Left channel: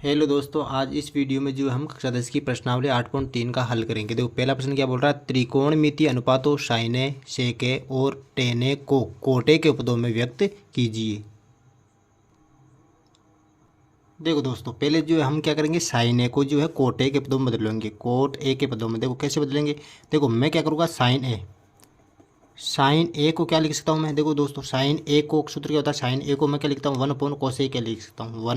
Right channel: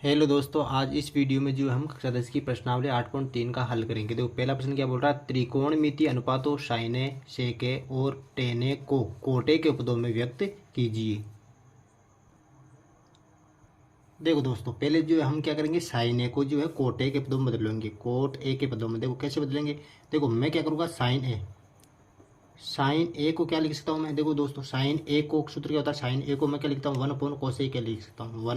Hello दोस्तों, आज इस वीडियो में जो हम कक्षा 10 की प्रश्नावली 8.3 का हल करेंगे। देखो पहला प्रश्न क्या बोल रहा है, त्रिकोणमितीय अनुपातों साइने सेके और टेने को कोटे के पदों में व्यक्त कीजिए। देखो दोस्तों, पहले जो है हम क्या करेंगे, साइन ए को जो है कोटे के पदों में बदलेंगे। कोट ए के पदों में देखो कैसे बदलेंगे। देखो मैं क्या करूँगा, साइन ए को क्या लिख सकता हूँ मैं। देखो दोस्तों, साइन ए को सूत्र क्या होता है, साइन ए को मैं क्या लिखता हूँ, 1/कोसेक ए लिख सकता हूँ।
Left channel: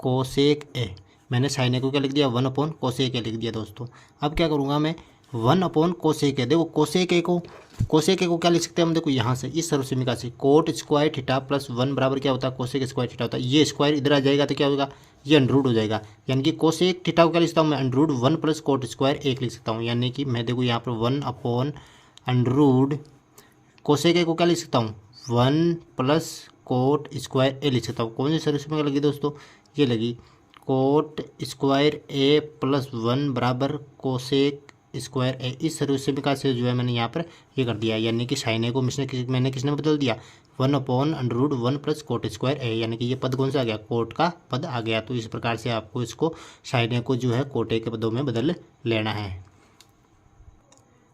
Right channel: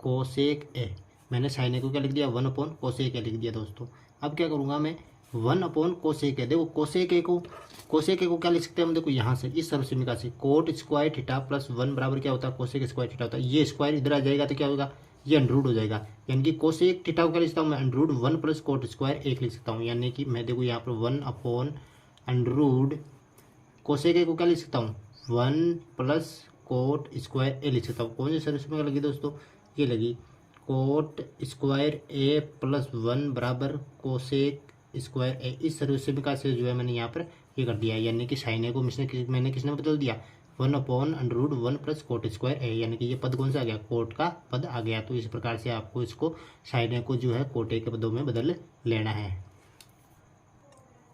1/कोसेक ए। मैंने साइन ए को क्या लिख दिया, 1/कोसेक ए लिख दिया दोस्तों। अब क्या करूँगा मैं, 1/कोसेक ए। देखो कोसेक ए को क्या लिख सकते हैं हम, देखो यहाँ से इस सर्वसमीका से कोट स्क्वायर थीटा प्लस 1 बराबर क्या होता है, कोसेक स्क्वायर थीटा होता है। ये स्क्वायर इधर आ जाएगा तो क्या होगा, ये अंडरूट हो जाएगा। यानी कि कोसेक थीटा को क्या लिख सकता हूँ मैं, अंडरूट 1 प्लस कोट स्क्वायर 1 लिख सकता हूँ। यानी कि मैं देखो यहाँ पर 1/अंडरूट कोसेक ए को क्या लिख सकता हूँ, 1 प्लस कोट स्क्वायर ए लिख सकता हूँ। कौन सी सर्वसमीका लगी दोस्तों, ये लगी कोट स्क्वायर ए प्लस 1 बराबर कोसेक स्क्वायर ए। इस सर्वसमीका से जो है मैंने यहाँ पर ये कर दिया। यानी कि साइन ए को मैंने किसने बदल दिया, 1/√1 प्लस कोट स्क्वायर ए। यानी कि ये पद कौन सा आ गया, कोट का पद आ गया। तो इस प्रकार से आपको इसको साइन ए को जो है कोटे के पदों में बदल लेना है।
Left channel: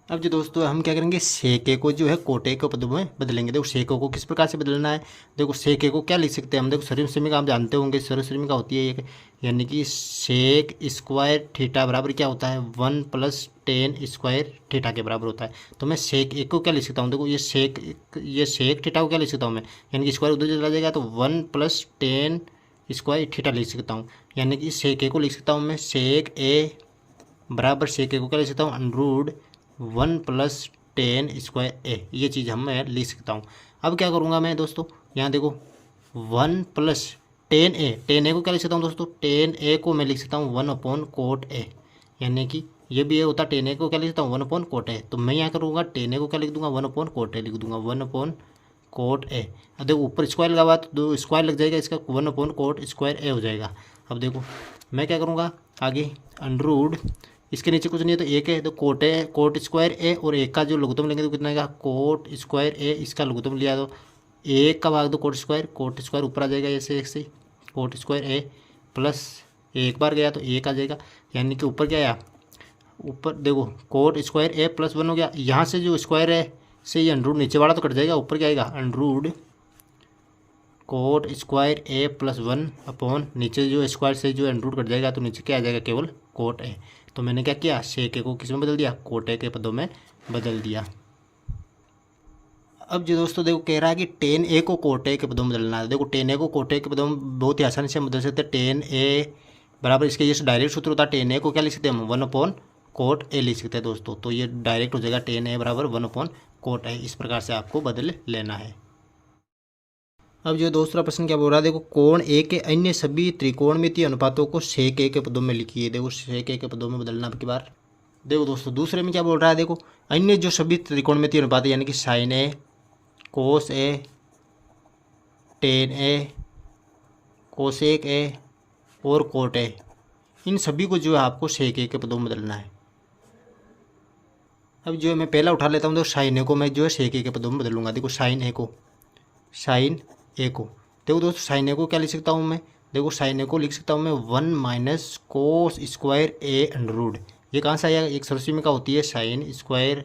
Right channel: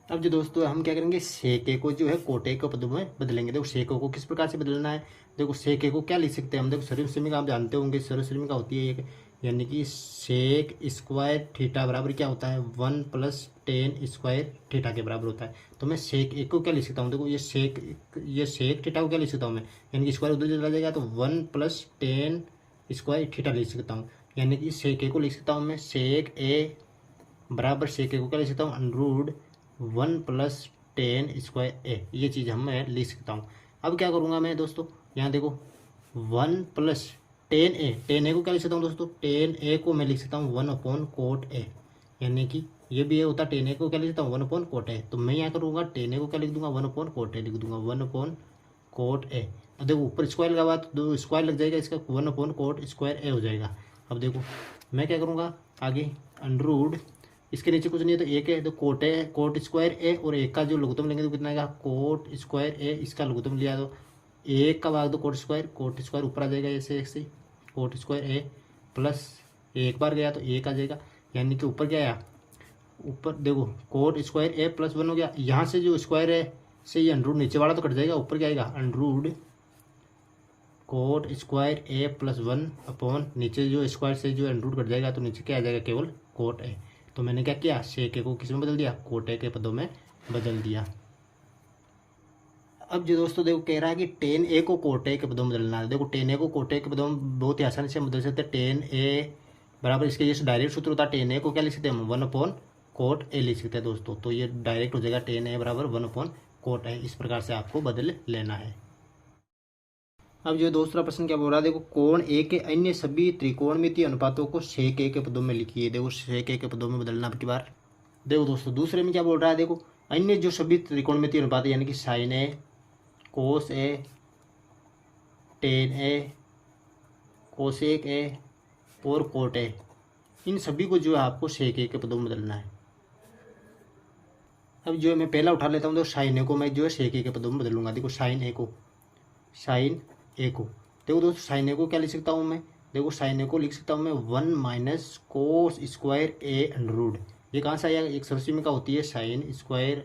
अब जो दोस्तों हम क्या करेंगे, सेके को जो है कोटे के पदों में बदलेंगे। देखो सेको को किस प्रकार से बदलना है, देखो सेके को क्या लिख सकते हैं हम, देखो सर्वसमीका आप जानते होंगे, सर्वसमीका होती है एक, यानी कि सेक स्क्वायर थीटा बराबर क्या होता है, 1 प्लस टेन स्क्वायर थीटा के बराबर होता है। तो मैं सेक एक को क्या लिख सकता हूँ, देखो ये सेक थीटा को क्या लिख सकता हूँ मैं, यानी कि स्क्वायर उधर चला जाएगा तो 1 प्लस टेन स्क्वायर थीटा लिख सकता हूँ। यानी कि सेक ए को लिख सकता हूँ मैं, सेक ए बराबर सेक ए को क्या लिख सकता हूँ, अंडरूट 1 प्लस टेन स्क्वायर ए। ये चीज़ हम मैं लिख सकता हूँ। अब क्या करूँगा मैं दोस्तों, यहाँ देखो 1 प्लस टेन ए को क्या लिख सकता हूँ दोस्तों, टेन ए को मैं लिख सकता हूँ 1/कोट ए। यानी कि ये भी ये होता है, टेन ए को क्या लिख सकता हूँ, 1/कोट ए। तो मैं यहाँ करूँगा टेन ए को क्या लिख दूंगा, 1/कोट ए लिख दूंगा, 1/कोट ए। अब देखो ऊपर स्क्वायर लगा तो दो स्क्वायर लग जाएगा, इसका 1/कोट स्क्वायर ए हो जाएगा। अब देखो मैं क्या करूँगा आगे, अंडरूट इसके नीचे कुछ नहीं है तो एक है, तो कोट स्क्वायर ए और एक का जो लघुत्तम लेंगे तो कितना आएगा, कोट स्क्वायर ए। इसका लघुत्तम लिया तो एक का भाग दो कोट स्क्वायर ऊपर आ जाएगा, ऐसे ऐसे कोट स्क्वायर ए प्लस एक बार गया तो एक आ जाएगा। यानी कि ऊपर क्या आया, ऊपर देखो कोट स्क्वायर ए प्लस 1 हो गया। यहाँ से जो स्क्वायर है से ये अंडरूट नीचे वाला तो कट जाएगा, ऊपर क्या आएगा, अंडरूट कोट स्क्वायर ए प्लस 1 अपॉन नीचे जो स्क्वायर से जो अंडरूट कट जाएगा तो नीचे क्या आ जाएगा, केवल कोट ए। तो मैंने क्या किया, सेक ए को किस में बदल दिया, कोटे के पदों में बदल दिया। अब जो दोस्तों देखो कह रहा है कि टेन ए को कोटे के पदों में बदलना है। देखो टेन ए को कोटे के पदों में बहुत ही आसानी से हम बदल सकते हैं। टेन ए बराबर इसके ये डायरेक्ट सूत्र होता है, टेन ए को क्या लिख सकते हैं हम, 1/कोट ए लिख सकते हैं दोस्तों। तो ये डायरेक्ट हो जाएगा, टेन ए बराबर 1/कोट ए। इस प्रकार से आपको बदल लेना है। अब जो दूसरा प्रश्न क्या बोल रहा है, देखो कोण ए के अन्य सभी त्रिकोणमितीय अनुपातों को सेक ए के पदों में लिखिए। देखो सेक ए के पदों में बदलना अब की बार। देखो दोस्तों दूसरे में क्या बोल रहा है, देखो अन्य जो सभी त्रिकोणमितीय अनुपात यानी कि sine A, cos A, tan A, cosec A और कोट ए, इन सभी को जो है आपको सेक ए के पदों में बदलना है। अब जो है मैं पहला उठा लेता हूँ, तो साइन ए को मैं जो है सेक ए के पदों में बदलूंगा। देखो साइन ए को देखो दोस्तों, साइन ए को क्या लिख सकता हूँ मैं, देखो साइन ए को लिख सकता हूँ मैं 1 माइनस कोस स्क्वायर ए अंडरूट। ये कहाँ से आया, एक सर्वसमीका होती है sign square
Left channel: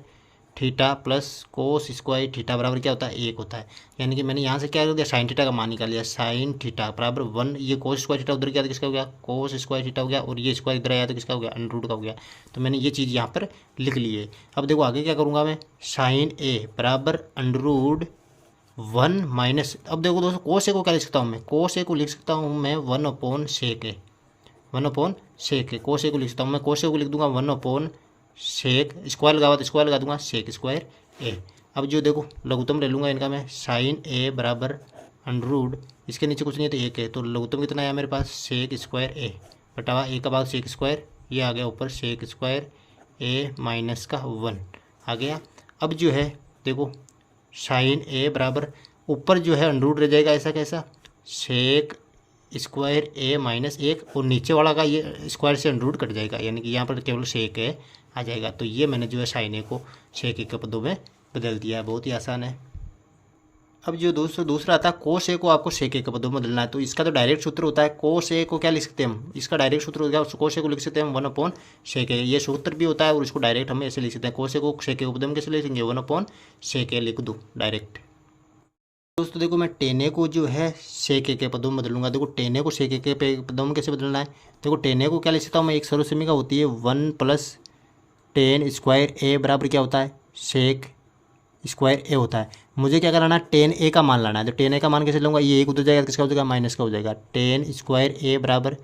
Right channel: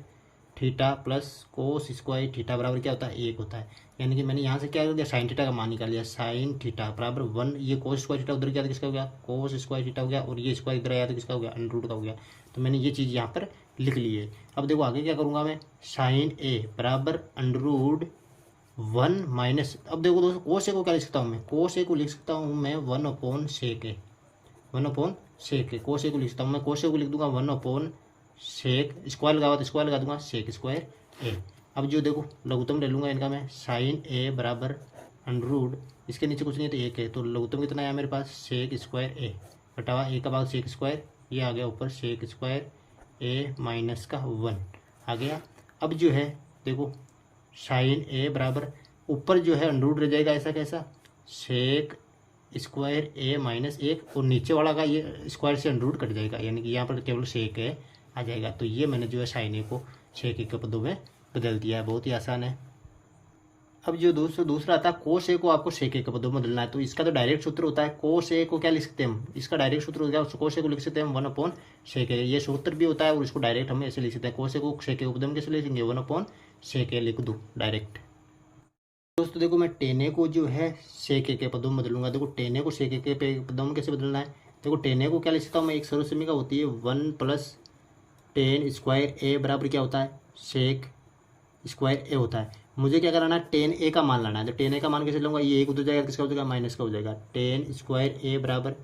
theta plus cos square theta बराबर क्या होता है, एक होता है। यानी कि मैंने यहाँ से क्या कर दिया, साइन थीटा का मान निकाल लिया, साइन थीटा बराबर 1, ये कोस स्क्वायर थीटा उधर गया तो किसका हो गया, कोस स्क्वायर थीटा हो गया, और ये स्क्वायर इधर आया तो किसका हो गया, अंडरूट का हो गया। तो मैंने ये चीज़ यहाँ पर लिख ली है। अब देखो आगे क्या करूँगा मैं, साइन ए बराबर अंडरूट 1 माइनस, अब देखो दोस्तों कोस ए को क्या लिख सकता हूँ मैं, कोस ए को लिख सकता हूँ मैं 1/सेक ए, 1/सेक ए। कोस ए को लिख सकता हूँ मैं, कोस ए को लिख दूंगा 1/सेक, स्क्वायर लगा हुआ तो स्क्वायर लगा दूंगा, सेक स्क्वायर ए। अब जो देखो लघुत्तम ले लूँगा इनका मैं, साइन ए बराबर अंडरूट इसके नीचे कुछ नहीं है तो एक है, तो लघुत्तम कितना आया मेरे पास, सेक स्क्वायर ए बटा ए का भाग सेक स्क्वायर, ये आ गया ऊपर सेक स्क्वायर ए माइनस का 1 आ गया। अब जो है देखो साइन ए बराबर ऊपर जो है अंडरूट रह जाएगा, ऐसा कैसा, सेक स्क्वायर ए माइनस 1, और नीचे वाला का ये स्क्वायर से अंडरूट कट जाएगा, यानी कि यहाँ पर केवल सेक ए आ जाएगा। तो ये मैंने जो है साइन ए को सेक ए के पदों में बदल दिया है, बहुत ही आसान है। अब जो दोस्तों दूसरा आता है कोस ए को आपको सेक ए के पदों में बदलना है, तो इसका तो डायरेक्ट सूत्र होता है कोस ए को क्या लिख सकते हैं हम, इसका डायरेक्ट सूत्र होगा कोस ए को लिख सकते हैं हम 1/sec ए, ये सूत्र भी होता है और इसको डायरेक्ट हम ऐसे लिख सकते हैं कोस ए को सेक ए के पदों में कैसे लिखेंगे 1/sec ए लिख दूँ डायरेक्ट। दोस्तों देखो मैं टेन को जो है सेक ए के पदों में बदलूंगा, देखो टेन को सेक ए के पदों में कैसे बदलना है, देखो टेन को क्या लिख सकता हूँ मैं, एक सर्वसमीका होती है 1+10² ए बराबर क्या होता है सेक स्क्वायर ए होता है। मुझे क्या कराना है टेन ए का मान लाना है, तो टेन ए का मान कैसे लूँगा, ये एक उधर जाएगा किसका हो जाएगा माइनस का हो जाएगा, 10² ए बराबर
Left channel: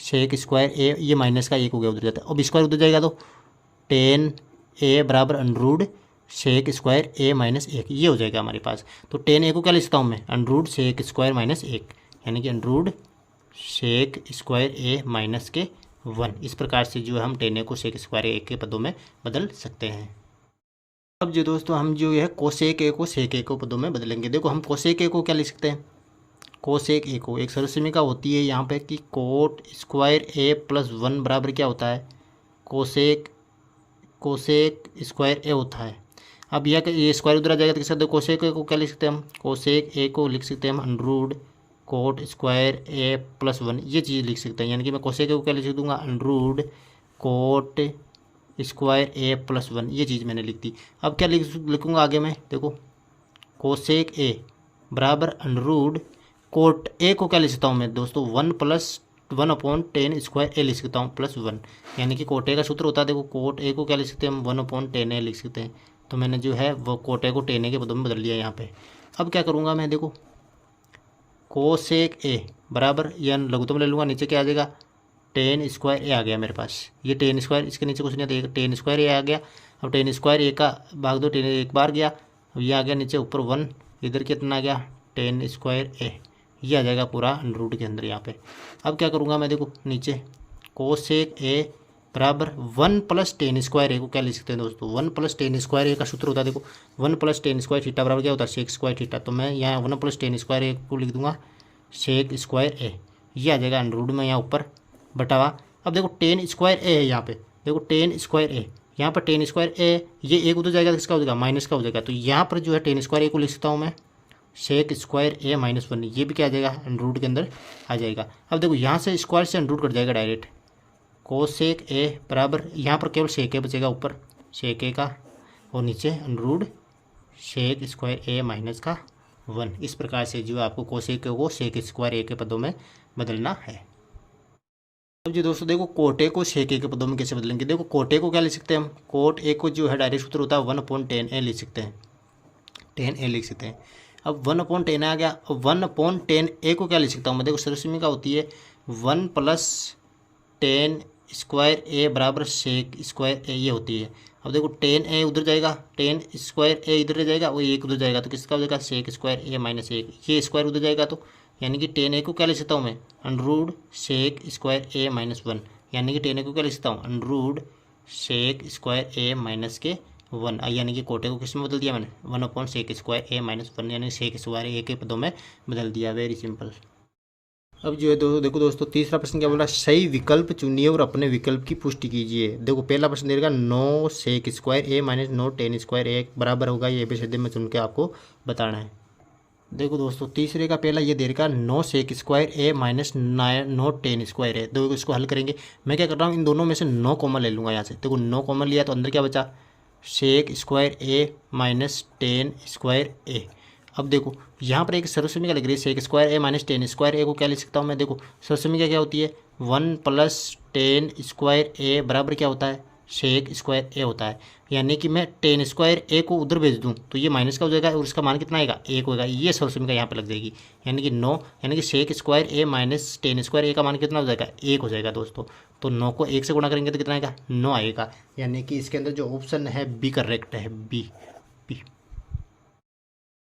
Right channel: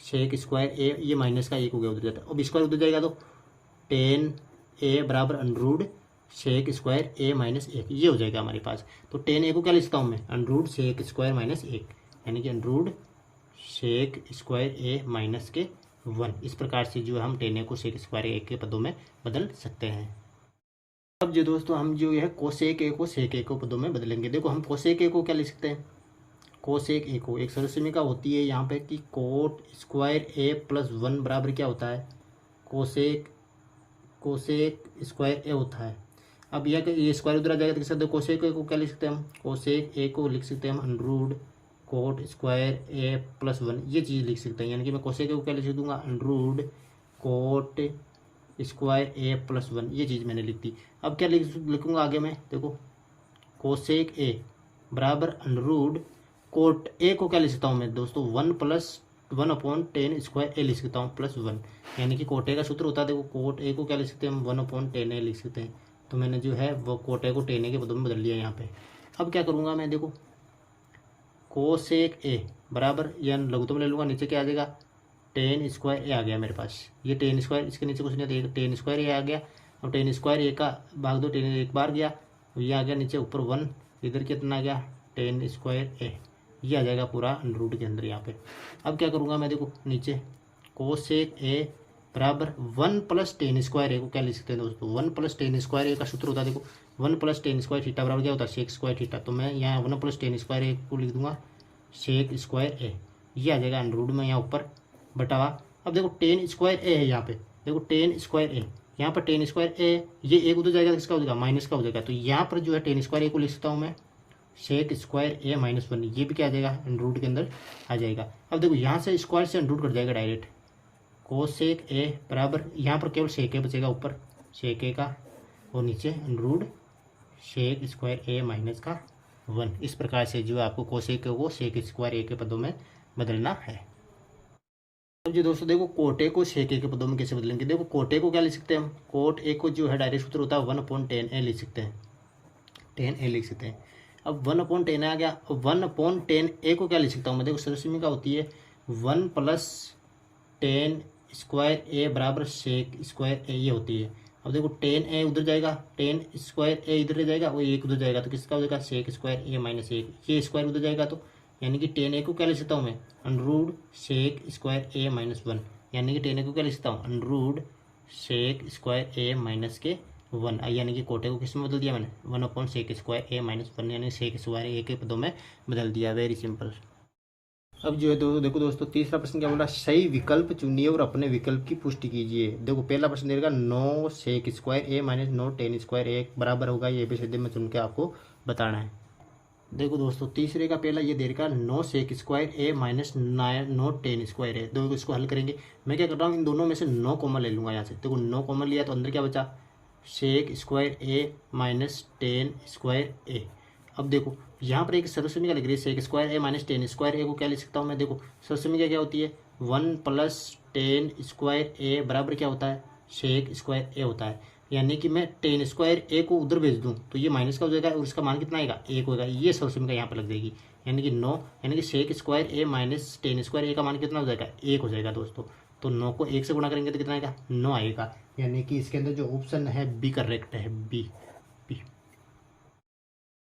सेक स्क्वायर ए, ये माइनस का एक हो गया उधर जाता है, अब स्क्वायर उधर जाएगा तो 10 ए बराबर अंडरूड सेक स्क्वायर ए माइनस 1 ये हो जाएगा हमारे पास। तो 10 ए को क्या लिखता हूँ मैं अंडरूड सेक स्क्वायर माइनस 1, यानी कि अंडरूड सेक स्क्वायर ए माइनस के 1, इस प्रकार से जो है हम 10 ए को सेक स्क्वायर ए के पदों में बदल सकते हैं। अब जो दोस्तों हम जो है कोसेक ए को सेक ए को पदों में बदलेंगे, देखो हम कोसेक ए को क्या लिख सकते हैं, कोसेक ए को एक सर्वसमीका होती है यहाँ पे कि कोट स्क्वायर ए प्लस 1 बराबर क्या होता है कोसेक स्क्वायर ए होता है। अब यह ये स्क्वायर उधर आ जाएगा तो किस सकते हैं कोसेक ए को क्या लिख सकते हैं हम, कोसेक ए को लिख सकते हैं हम अंडरूड कोट स्क्वायर ए प्लस 1 ये चीज़ लिख सकते हैं, यानी कि मैं कोसेक ए को क्या लिख दूंगा अंडरूड कोट स्क्वायर ए प्लस 1 ये चीज़ मैंने लिख दी। अब क्या लिखूँगा आगे मैं, देखो कोसेक ए बराबर अंडरूड कोट ए को क्या लिख सकता हूँ मैं दोस्तों 1+1/10² ए लिख सकता हूँ प्लस 1, यानी कि कोट ए का सूत्र होता है, देखो कोट ए को क्या लिख सकते हैं हम 1/10 ए लिख सकते हैं, तो मैंने जो है वो कोट ए को 10 ए के पदों में बदल लिया यहाँ पे। अब क्या करूँगा मैं, देखो कोसेक ए बराबर या लघुत्तम ले लूँगा, नीचे क्या आ जाएगा 10² ए आ गया मेरे पास, ये 10², इसके नीचे कुछ नहीं आता, 10² ए आ गया। अब 10² ए का भाग दो 10 एक बार गया, अब ये आ गया नीचे ऊपर 1, इधर कितना आ गया 10² ए, ये आ जाएगा पूरा अंडररूट के अंदर यहाँ पे। अब क्या करूँगा मैं, देखो नीचे कोसेक ए बराबर 1+10² ए को क्या लिख सकते हैं दोस्तों 1+10² ए का सूत्र होता है, देखो 1+10² थीटा बराबर क्या होता है सेक स्क्वायर थीटा, तो मैं यहाँ 1+10² ए को लिख दूंगा सेक स्क्वायर ए, ये आ जाएगा अंडररूट में यहाँ ऊपर बटावा। अब देखो 10² ए है यहाँ पे, देखो 10² ए, यहाँ पर 10² ए, ये एक उधर जाएगा किसका हो जाएगा माइनस का हो जाएगा, तो यहाँ पर जो है 10² ए को लिख सकता हूँ मैं सेक स्क्वायर ए माइनस 1, ये भी क्या आ जाएगा अंडररूट के अंदर आ जाएगा। अब देखो यहाँ से स्क्वायर से अंडररूट कट जाएगा डायरेक्ट, कोसेक ए बराबर यहाँ पर केवल सेक ए बचेगा ऊपर सेक ए का, और नीचे अंडररूट सेक स्क्वायर ए माइनस का 1, इस प्रकार से जो आपको कोसेक ए को सेक स्क्वायर ए के पदों में बदलना है। अब जी दोस्तों देखो कोट ए को सेक ए के पदों में कैसे बदलेंगे, देखो कोट ए को क्या लिख सकते हैं हम, कोट ए को जो है डायरेक्ट सूत्र होता है 1/10 ए लिख सकते हैं, 10 ए लिख सकते हैं। अब 1/10 आ गया, 1/10 ए को क्या लिख सकता हूँ मैं, देखो सर्वसमीका होती है 1+10² ए बराबर सेक स्क्वायर ए ये होती है। अब देखो 10 ए उधर जाएगा 10² ए इधर जाएगा, वो एक उधर जाएगा तो किसका हो जाएगा सेक स्क्वायर ए माइनस 1, ये स्क्वायर उधर जाएगा तो यानी कि 10 ए को क्या लिख सकता हूँ मैं अंडररूट सेक स्क्वायर ए माइनस 1, यानी कि 10 ए को क्या लिख सकता हूँ अंडररूट सेक स्क्वायर ए माइनस के 1, यानी कि कोटे को किस में बदल दिया मैंने 1/सेक स्क्वायर ए माइनस 1, यानी सेक स्क्वायर ए के पदों में बदल दिया, वेरी सिंपल। अब जो है देखो दोस्तों तीसरा प्रश्न क्या बोल रहा है, सही विकल्प चुनिए और अपने विकल्प की पुष्टि कीजिए। देखो पहला प्रश्न देगा 9 सेक स्क्वायर ए माइनस 9 10² ए बराबर होगा, ये ABCD में चुन के आपको बताना है। देखो दोस्तों तीसरे का पहला ये दे रखा 9 सेक स्क्वायर ए माइनस 9 10² ए, देखो इसको हल करेंगे। मैं क्या कर रहा हूँ इन दोनों में से 9 कॉमन ले लूँगा यहाँ से, देखो 9 कॉमन लिया तो अंदर क्या बचा सेक स्क्वायर ए माइनस 10² ए। अब देखो यहाँ पर एक सर्वसमीका लिख रही है सेक स्क्वायर ए माइनस 10² ए को क्या लिख सकता हूँ मैं, देखो सर्वसमीका क्या होती है 1+10² ए बराबर क्या होता है सेक स्क्वायर ए होता है, यानी कि मैं 10² ए को उधर भेज दूँ तो ये माइनस का हो जाएगा और इसका मान कितना आएगा 1 होगा, ये सर्वसमीका यहाँ पर लग जाएगी, यानी कि 9 यानी कि सेक स्क्वायर ए माइनस 10² ए का मान कितना हो जाएगा 1 हो जाएगा दोस्तों। तो 9 को 1 से गुणा करेंगे तो कितना आएगा 9 आएगा, यानी कि इसके अंदर जो ऑप्शन है बी करेक्ट है, बी।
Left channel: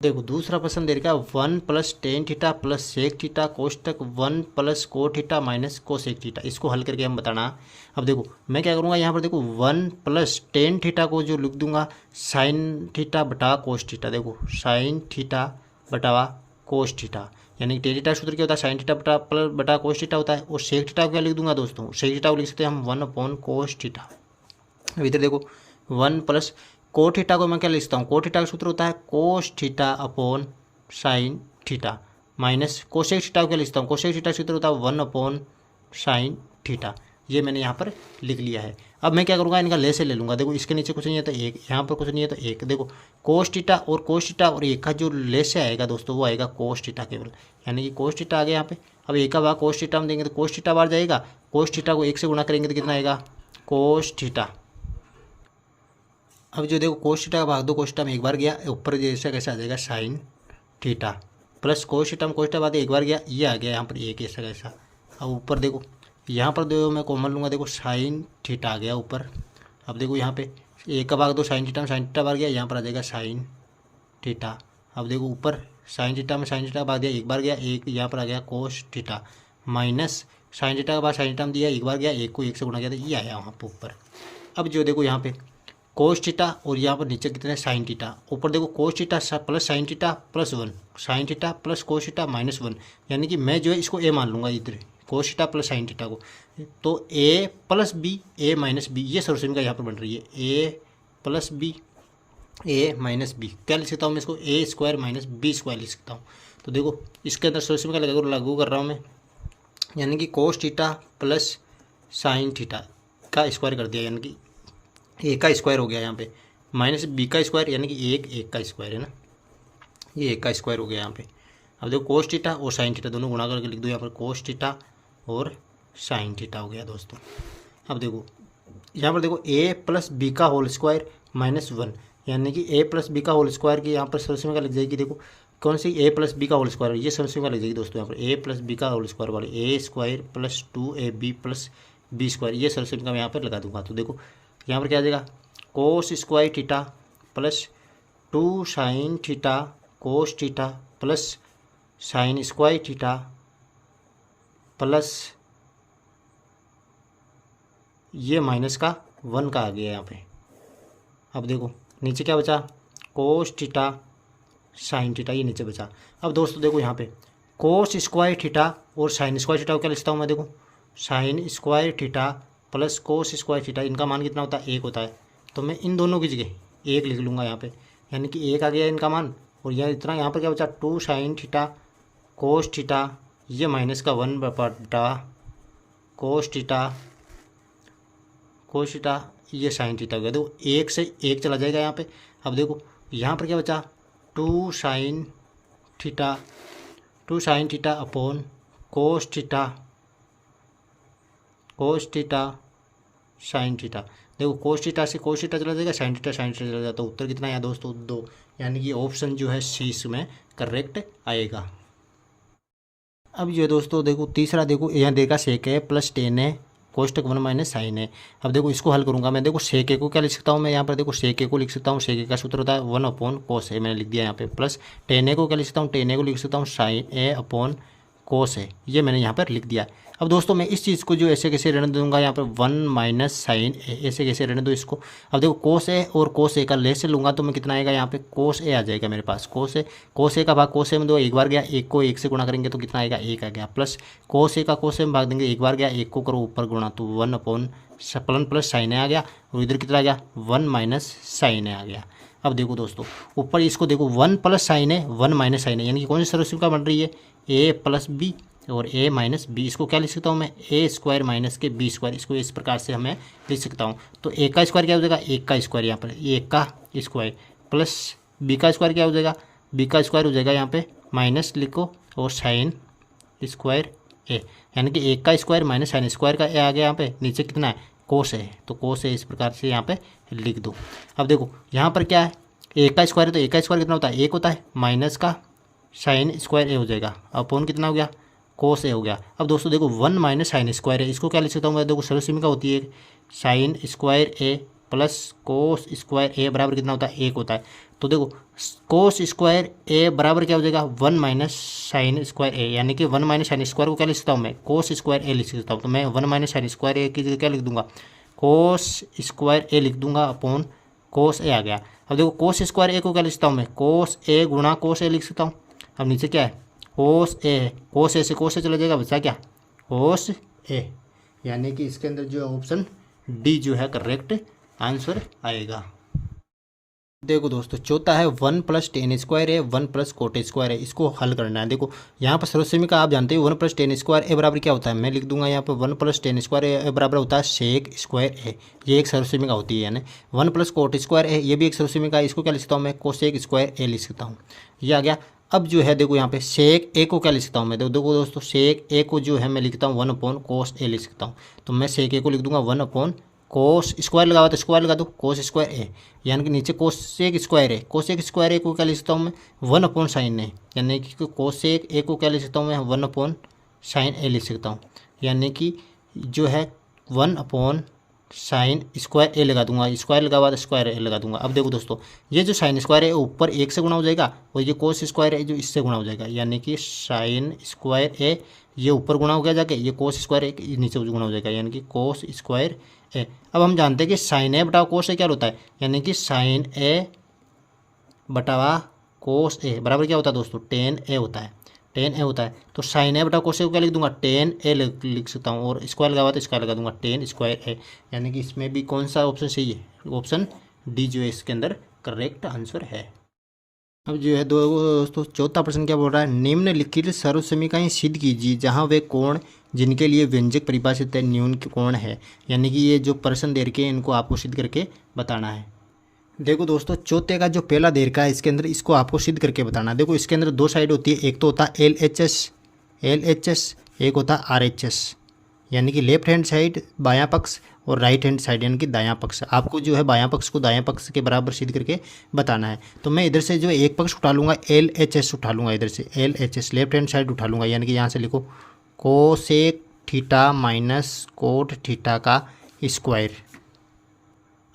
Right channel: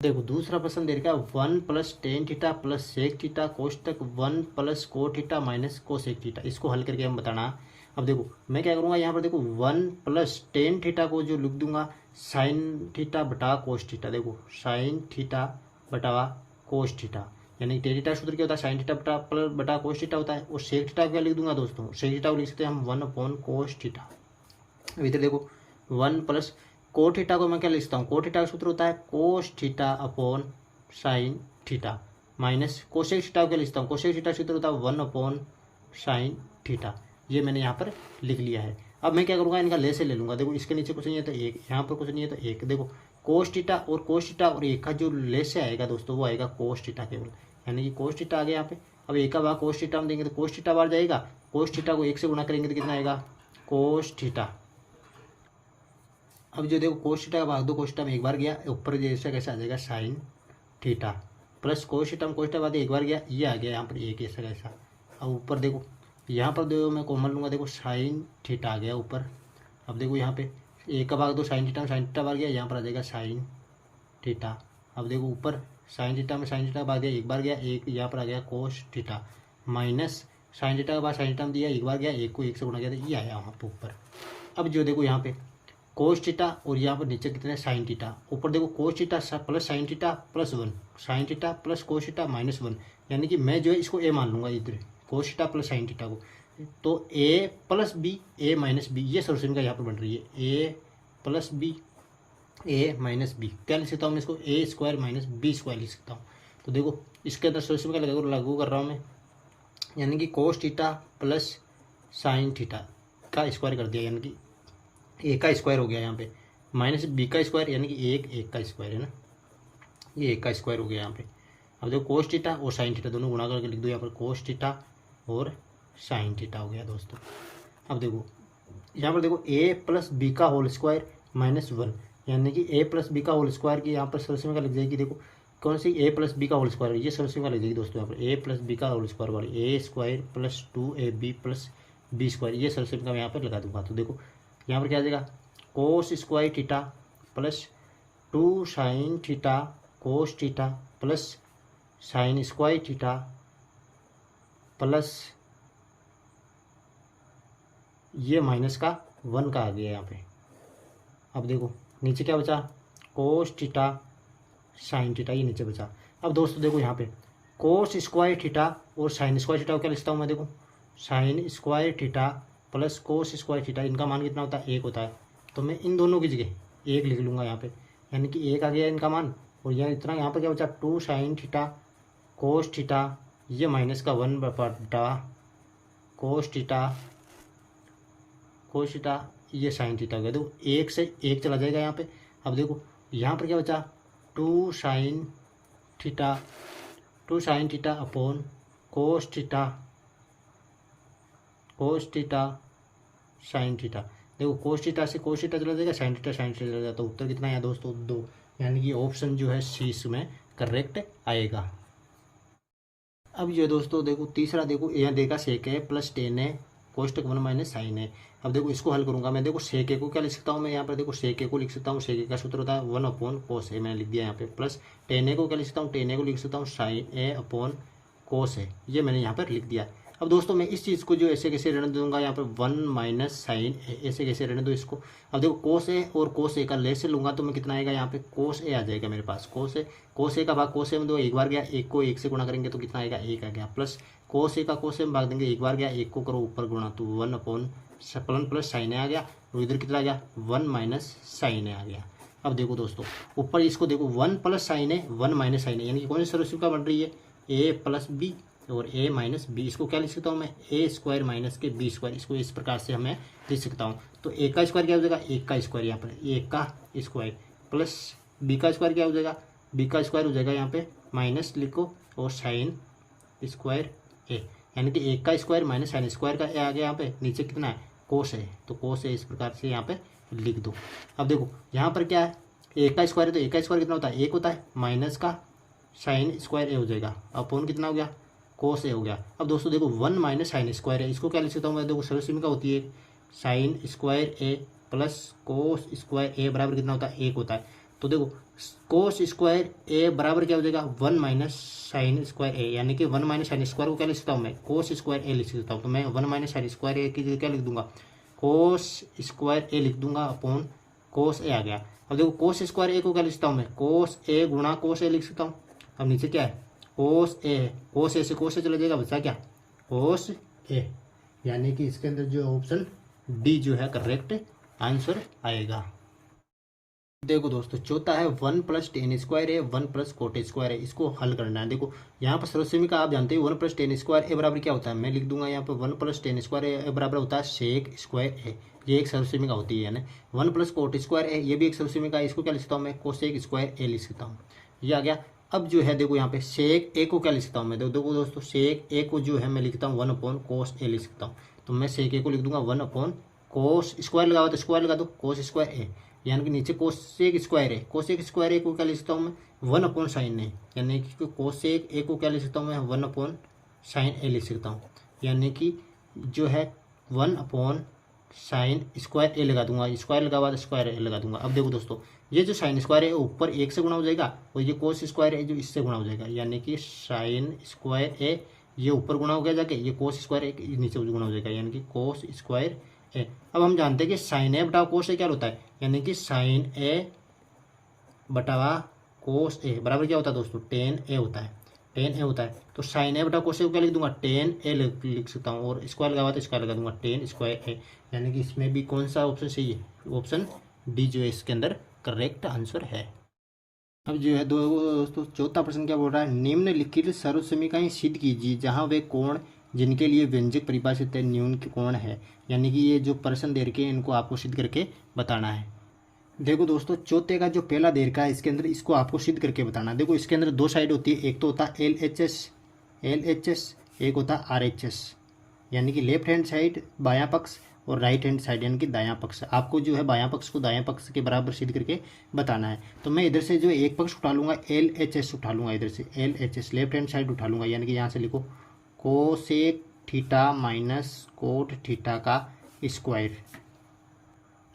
देखो दूसरा प्रश्न दे रखा 1+10 थीटा प्लस सेक थीटा कोष्टक 1+cos theta minus cosec theta, इसको हल करके हम बताना। अब देखो मैं क्या करूँगा यहाँ पर देखो 1+10 थीटा को जो लिख दूंगा साइन थीटा बटा कोस थीटा, देखो साइन थीटा बटा कोस थीटा, यानी कि थीटा सूत्र क्या होता है साइन थीटा बटा कोस थीटा होता है, और सेक थीटा को क्या लिख दूंगा दोस्तों सेक थीटा को लिख सकते हैं हम 1/cos थीटा। अब इधर देखो 1+ cos थीटा को मैं क्या लिखता हूँ, cos थीटा का सूत्र होता है cos theta upon sine theta minus cosec theta को लिखता हूँ। कोसेक थीटा सूत्र होता है 1/sin थीटा। ये मैंने यहाँ पर लिख लिया है। अब मैं क्या करूँगा, इनका ले से ले लूँगा। देखो इसके नीचे कुछ नहीं है तो एक, यहाँ पर कुछ नहीं है तो एक। देखो कोस थीटा और एक का जो ले से आएगा दोस्तों वो आएगा कोस थीटा केवल, यानी कि कोस थीटा आ गया यहाँ पे। अब एक का भाग कोस थीटा में देंगे तो कोस थीटा बाहर जाएगा। कोस थीटा को एक से गुणा करेंगे तो कितना आएगा, कोस थीटा। अब जो देखो कोस थीटा का भाग दो कोस थीटा में एक बार गया, ऊपर जैसा कैसा आ जाएगा sine theta plus cos theta में कोस थीटा बाद एक बार गया, ये आ गया यहाँ पर एक ऐसा कैसा। अब ऊपर देखो यहाँ पर देखो मैं कॉमन लूँगा, देखो साइन थीटा आ गया ऊपर। अब देखो यहाँ पे एक का भाग दो साइन थीटा में साइन थीटा बाहर गया, यहाँ पर आ जाएगा साइन थीटा। अब देखो ऊपर साइन थीटा में साइन थीटा भाग दिया एक बार गया, एक यहाँ पर आ गया cos theta minus sine theta के बाद साइन थीटा में दिया एक बार गया, एक को एक से गुणा किया तो ये आया वहाँ पर ऊपर। अब जो देखो यहाँ पे कोस थीटा और यहाँ पर नीचे कितना है साइन थीटा। ऊपर देखो cos theta plus sin theta plus 1, sine theta plus cos theta minus 1, यानी कि मैं जो है इसको ए मान लूँगा इधर cos theta plus sin theta को। तो ए plus b a minus B ये सॉल्यूशन का यहाँ पर बन रही है, a plus b a minus B. क्या लिख सकता हूँ मैं इसको, ए स्क्वायर माइनस बी स्क्वायर लिख सकता हूँ। तो देखो इसके अंदर सॉल्यूशन का लागू कर रहा हूँ मैं, यानी कि cos theta plus sin theta का स्क्वायर कर दिया, यानी कि ए का स्क्वायर हो गया यहाँ पे माइनस बी का स्क्वायर, यानी कि एक का स्क्वायर है ना, ये एक का स्क्वायर हो गया यहाँ पे। अब देखो कोस थीटा और साइन थीटा दोनों गुणा करके लिख दो यहाँ पर, कोस थीटा और साइन थीटा हो गया दोस्तों। अब देखो यहाँ पर देखो ए प्लस बी का होल स्क्वायर माइनस 1, यानी कि ए प्लस बी का होल स्क्वायर की यहाँ पर सॉल्यूशन में क्या लिख जाएगी, देखो कौन सी ए प्लस बी का होल स्क्वायर, ये सॉल्यूशन में लिख जाएगी दोस्तों यहाँ पर ए प्लस बी का होल स्क्वायर वाली a square plus 2ab plus B square, ये सॉल्यूशन का मैं यहाँ पर लगा दूंगा। तो देखो यहाँ पर क्या आ जाएगा, cos square theta plus 2 sign theta cos theta plus sign square theta plus ये माइनस का 1 का आ गया यहाँ पे। अब देखो नीचे क्या बचा, कोस थीटा साइन थीटा, ये नीचे बचा। अब दोस्तों देखो यहाँ पे कोस स्क्वायर थीटा और साइन स्क्वायर थीटा को क्या लिखता हूँ मैं, देखो sign square theta plus cos square theta, इनका मान कितना होता है, एक होता है। तो मैं इन दोनों की जगह एक लिख लूँगा यहाँ पे, यानी कि एक आ गया इनका मान। और यह इतना यहाँ पर क्या बचा, 2 साइन थीटा कोस थीटा, ये माइनस का 1 बटा कोस थीटा ये साइन थीटा हो गया। देखो एक से एक चला जाएगा यहाँ पे। अब देखो यहाँ पर क्या बचा, 2 sign theta upon cos theta sine theta. देखो कोस थीटा से कोस थीटा चला जाएगा, साइन थीटा चला जाएगा, तो उत्तर कितना है दोस्तों, 2, यानी कि ऑप्शन जो है सी इसमें करेक्ट आएगा। अब ये दोस्तों देखो तीसरा, देखो यहाँ देगा सेक है प्लस टेन है कोष्टक 1 माइनस साइन है। अब देखो इसको हल करूंगा मैं, देखो सेक ए को क्या लिख सकता हूँ मैं यहाँ पर, देखो सेक ए को लिख सकता हूँ, सेक ए का सूत्र होता है 1/cos ए, मैंने लिख दिया यहाँ पे, प्लस टेन ए को क्या लिख सकता हूँ, टेन ए को लिख सकता हूँ साइन ए अपॉन कोस ए, ये मैंने यहाँ पर लिख दिया। अब दोस्तों मैं इस चीज़ को जो ऐसे कैसे रहने दूंगा यहाँ पर 1 माइनस साइन ए, ऐसे कैसे रहने दो इसको। अब देखो कोस ए और कोस ए का ले से लूँगा तो मैं कितना आएगा यहाँ पे, कोस ए आ जाएगा मेरे पास, कोस ए का भाग कोस ए में दो एक बार गया, एक को एक से गुणा करेंगे तो कितना आएगा, एक आ गया, प्लस कोस ए का कोस ए में भाग देंगे एक बार गया, एक को करो ऊपर गुणा तो 1/+ प्लस साइन ए आ गया, और इधर कितना आ गया 1 माइनस साइन ए आ गया। अब देखो दोस्तों ऊपर इसको देखो 1 प्लस साइन ए 1 माइनस साइन ए, यानी कि कौन सी सॉल्यूशन का बन रही है, ए प्लस बी और ए माइनस बी। इसको क्या लिख सकता हूँ मैं, ए स्क्वायर माइनस के बी स्क्वायर, इसको इस प्रकार से हमें लिख सकता हूँ। तो ए का स्क्वायर क्या हो जाएगा, एक का स्क्वायर यहाँ पर, एक का स्क्वायर प्लस बी का स्क्वायर क्या हो जाएगा, बी का स्क्वायर हो जाएगा यहाँ पे माइनस लिखो और साइन स्क्वायर ए, यानी कि एक का स्क्वायर माइनस साइन स्क्वायर का ए आ गया यहाँ पे, नीचे कितना है कोस है, तो कोस है इस प्रकार से यहाँ पे लिख दो। अब देखो यहाँ पर क्या है, एक का स्क्वायर है तो एक का स्क्वायर कितना होता है, एक होता है, माइनस का साइन स्क्वायर ए हो जाएगा, अपॉन कितना हो गया कोस ए हो गया। अब दोस्तों देखो 1 माइनस साइन स्क्वायर है, इसको क्या लिख सकता हूँ मैं, देखो सॉल्यूशन का होती है साइन स्क्वायर ए प्लस कोस स्क्वायर ए बराबर कितना होता है, एक होता है। तो देखो कोस स्क्वायर ए बराबर क्या हो जाएगा 1 माइनस साइन स्क्वायर ए, यानी कि 1 माइनस साइन स्क्वायर को क्या लिख सकता हूँ मैं, कोस स्क्वायर ए लिख सकता हूँ। तो मैं 1 माइनस साइन स्क्वायर ए की जगह क्या लिख दूंगा, कोस स्क्वायर ए लिख दूंगा अपॉन कोस ए आ गया। अब देखो कोस स्क्वायर ए को क्या लिख सकता हूँ मैं, कोस ए गुणा कोस ए लिख सकता हूँ। अब नीचे क्या है कोस ए से कोस ए चला जाएगा, बचा क्या कोस ए, यानी कि इसके अंदर जो ऑप्शन डी जो है करेक्ट आंसर आएगा। देखो दोस्तों चौथा है 1 + tan² है 1 + cot² है, इसको हल करना है। देखो यहाँ पर सर्वसमीका आप जानते हो 1 + tan² ए बराबर क्या होता है, मैं लिख दूंगा यहाँ पर 1 + tan² ए बराबर होता है sec² ए, ये एक सर्वसमीका होती है ना। 1 + cot² है, ये भी एक सर्वसमीका है, इसको क्या लिख सकता हूँ मैं, cosec² ए लिख सकता हूँ, ये आ गया। अब जो है देखो यहाँ पे सेक ए को क्या लिख सकता हूँ मैं, देखो दोस्तों सेक ए को जो है मैं लिखता हूँ 1/cos ए लिख सकता हूँ। तो मैं सेक ए को लिख दूंगा 1/cos स्क्वायर लगा हुआ तो स्क्वायर लगा दो cos² ए, यानी कि नीचे cosec² है, cosec² ए को क्या लिख सकता हूँ मैं 1/sin ए, यानी कि cosec ए को क्या लिख सकता हूँ मैं 1/sin ए लिख सकता हूँ, यानी कि जो है 1/sin² ए लगा दूंगा, स्क्वायर लगा हुआ तो स्क्वायर ए लगा दूंगा। अब देखो दोस्तों ये जो sin² है ऊपर 1 से गुणा हो जाएगा और ये cos² है जो इससे गुणा हो जाएगा, यानी कि sin² ए ये ऊपर गुणा हो गया जाके, ये cos² ए नीचे गुणा हो जाएगा, यानी कि cos² ए। अब हम जानते हैं कि sin a बटा cos a क्या होता है, यानी कि sin a बटा cos a बराबर क्या होता है दोस्तों tan a होता है, tan a होता है। तो sin a बटा cos a को क्या लिख दूंगा tan a लिख सकता हूँ, और स्क्वायर लगा हुआ तो स्क्वायर लगा दूंगा tan² a, यानी कि इसमें भी कौन सा ऑप्शन सही है, ऑप्शन डी जो है इसके अंदर करेक्ट आंसर है। अब जो है दोस्तों चौथा प्रश्न क्या बोल रहा है, निम्नलिखित सर्वसमीकाएं सिद्ध कीजिए जहां वे कोण जिनके लिए व्यंजक परिभाषित है न्यून कोण है, यानी कि ये जो प्रश्न दे रखे हैं इनको आपको सिद्ध करके बताना है। देखो दोस्तों चौथे का जो पहला दे रखा है इसके अंदर इसको आपको सिद्ध करके बताना है। देखो इसके अंदर दो साइड होती है, एक तो होता है LHS, एक होता है RHS, यानी कि लेफ्ट हैंड साइड बायां पक्ष और राइट हैंड साइड यानी कि दायां पक्ष। आपको जो है बायां पक्ष को दायां पक्ष के बराबर सिद्ध करके बताना है। तो मैं इधर से जो एक पक्ष उठा लूँगा LHS उठा लूँगा, इधर से LHS लेफ्ट हैंड साइड उठा लूँगा, यानी कि यहाँ से लिखो cosec theta minus cot theta का स्क्वायर।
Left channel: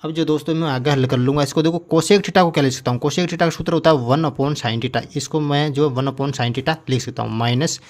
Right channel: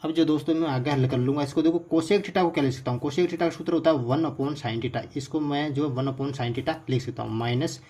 अब जो दोस्तों मैं आगे हल कर लूँगा इसको। देखो कोसेक थीटा को क्या लिख सकता हूँ, कोसेक थीटा का सूत्र होता है 1/sin थीटा, इसको मैं जो 1/sin थीटा लिख सकता हूँ माइनस।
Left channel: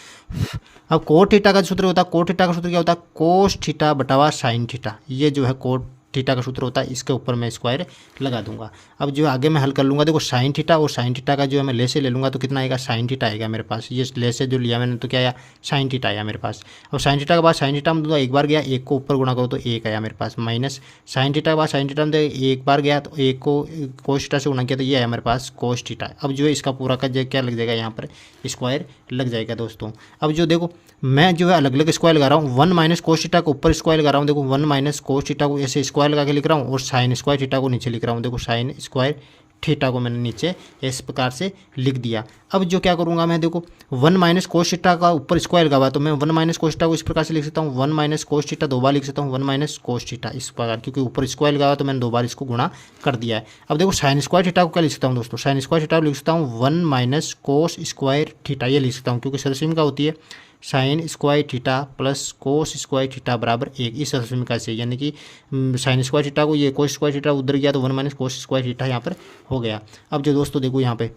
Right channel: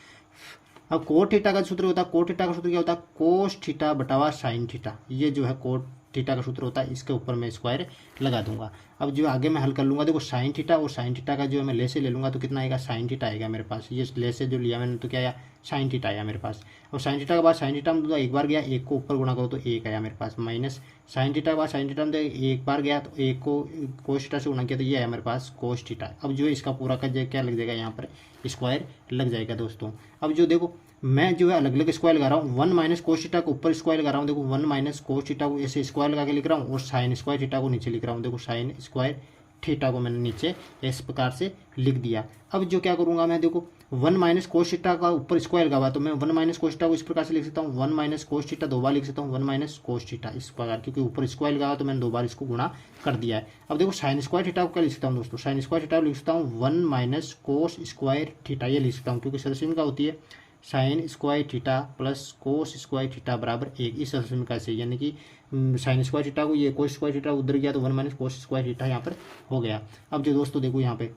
अब कोट थीटा का सूत्र होता है, कोट थीटा का सूत्र क्या होता है कोस थीटा बटावा साइन थीटा, ये जो है कोट थीटा का सूत्र होता है, इसके ऊपर मैं स्क्वायर लगा दूंगा। अब जो आगे मैं हल कर लूँगा, देखो साइन थीटा और साइन थीटा का जो है मैं ले से ले लूँगा तो कितना आएगा साइन थीटा आएगा मेरे पास, ये ले से जो लिया मैंने तो क्या आया साइन थीटा आया मेरे पास। अब साइन थीटा के बाद साइन थीटा में दूंगा एक बार गया, एक को ऊपर गुणा करो तो एक आया मेरे पास, माइनस साइन थीटा के बाद साइन थीटा में एक बार गया तो एक को कोस थीटा से गुणा किया तो ये आया मेरे पास कोस थीटा। अब जो है इसका पूरा का जो क्या लग जाएगा यहाँ पर स्क्वायर लग जाएगा दोस्तों। अब जो देखो मैं जो है अलग अलग स्क्वायर लगा रहा हूँ, 1 - cos थीटा को ऊपर स्क्वायर लगा रहा हूँ, देखो 1 - cos थीटा को ऐसे स्क्वायर लगा के लिख रहा हूँ और sin² थीटा को नीचे लिख रहा हूँ, देखो sin² थीटा को मैंने नीचे इस प्रकार से लिख दिया। अब जो क्या करूँगा मैं, देखो 1 - cos थीटा का ऊपर स्क्वायर लगा हुआ तो मैं 1 - cos थीटा को इस प्रकार से लिख सकता हूँ, 1 - cos थीटा दो बार लिख सकता हूँ, 1 - cos थीटा इस प्रकार, क्योंकि ऊपर स्क्वायर लगा हुआ तो मैंने दो बार इसको गुणा कर दिया है। अब देखो sin² थीटा को क्या लिख सकता हूँ दोस्तों, sin² थीटा को लिख सकता हूँ 1 - cos² थीटा, ये लिख सकता हूँ क्योंकि सर्वसमीका होती है sin² theta plus cos² theta बराबर 1, इस सर्वसमीका से, यानी कि sin² थीटा को ये cos² थीटा उधर गया तो 1 - cos² थीटा यहाँ पर हो गया। अब जो दोस्तों देखो यहाँ पे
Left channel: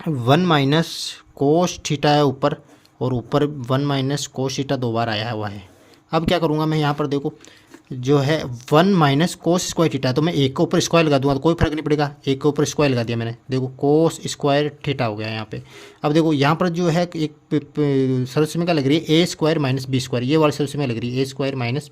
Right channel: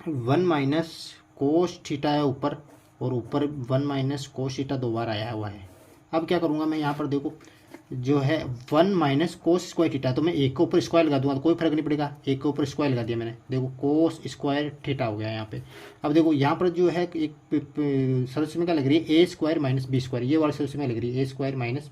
1 - cos थीटा है ऊपर और ऊपर 1 - cos थीटा दो बार आया हुआ है। अब क्या करूँगा मैं यहाँ पर, देखो जो है 1 - cos² थीटा तो मैं एक के ऊपर स्क्वायर लगा दूंगा तो कोई फर्क नहीं पड़ेगा, एक के ऊपर स्क्वायर लगा दिया मैंने, देखो cos² थीटा हो गया यहाँ पे। अब देखो यहाँ पर जो है एक सर्वसमीका लग रही है a² - b², ये वाली सर्वसमीका लग रही है a² -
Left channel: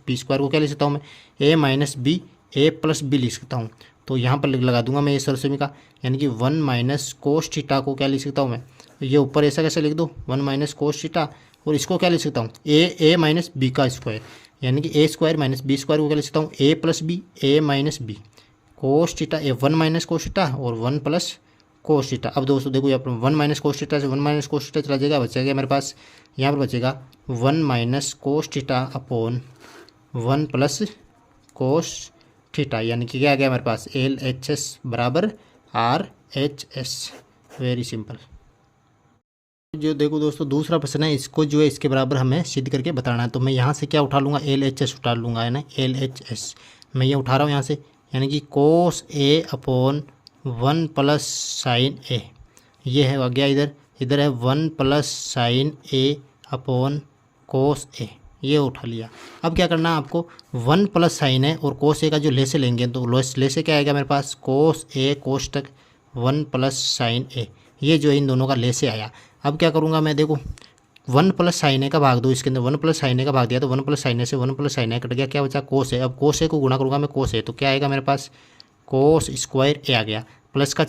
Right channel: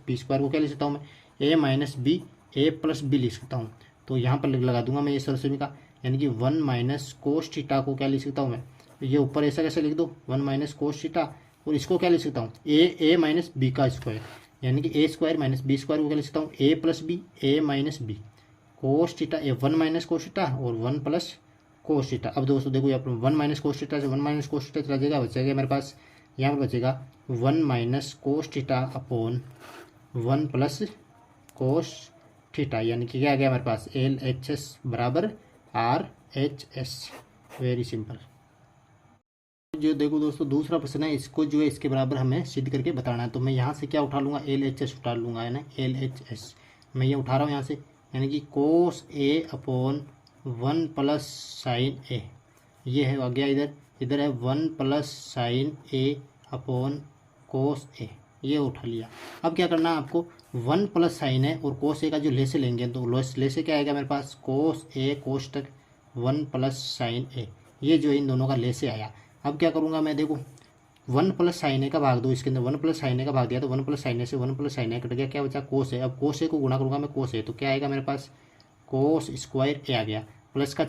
b² को क्या लिख सकता हूँ मैं a - b a+b लिख सकता हूँ। तो यहाँ पर लगा दूंगा मैं ये सर्वसमीका, यानी कि 1 - cos थीटा को क्या लिख सकता हूँ मैं, ये ऊपर ऐसा कैसे लिख दो 1 - cos थीटा, और इसको क्या लिख सकता हूँ a - b का स्क्वायर, यानी कि a² - b² को क्या लिख सकता हूँ a+b a - b cos theta 1 - cos theta और 1 + cos थीटा। अब दोस्तों देखो यहाँ पर 1 - cos थीटा से 1 - cos थीटा चला जाएगा, बचेगा मेरे पास यहाँ पर बचेगा 1 - cos theta upon 1 + cos theta, यानी कि क्या आ गया मेरे पास LHS बराबर RHS, वेरी सिंपल। जो देखो दोस्तों दूसरा प्रश्न है, इसको जो है इसके बराबर हमें सिद्ध करके बताना है। तो मैं यहाँ से क्या उठा लूँगा LHS उठा लूँगा, है ना LHS मैं ये उठा रहा हूँ यहाँ से, यानी कि cos A upon 1 + sin A, ये है आ गया इधर है 1 + sin A upon cos A, ये उठा लिया। अब क्या करना है आपको 1 + sin A और cos A का जो ले से लेंगे तो ले से क्या आएगा मेरे पास cos A cos तक 1 + sin A, ये जो इन दोनों का ले से आया। अब क्या करूँगा मैं, देखो 1 + sin A का भाग दो, इसके अंदर 1 + sin A का भाग दिया तो 1 + sin A से 1 + sin A कट गया, क्या बचा cos A। अब cos A को गुणा करूँगा मैं cos A तो क्या आएगा मेरे पास cos² A आ गया। प्लस का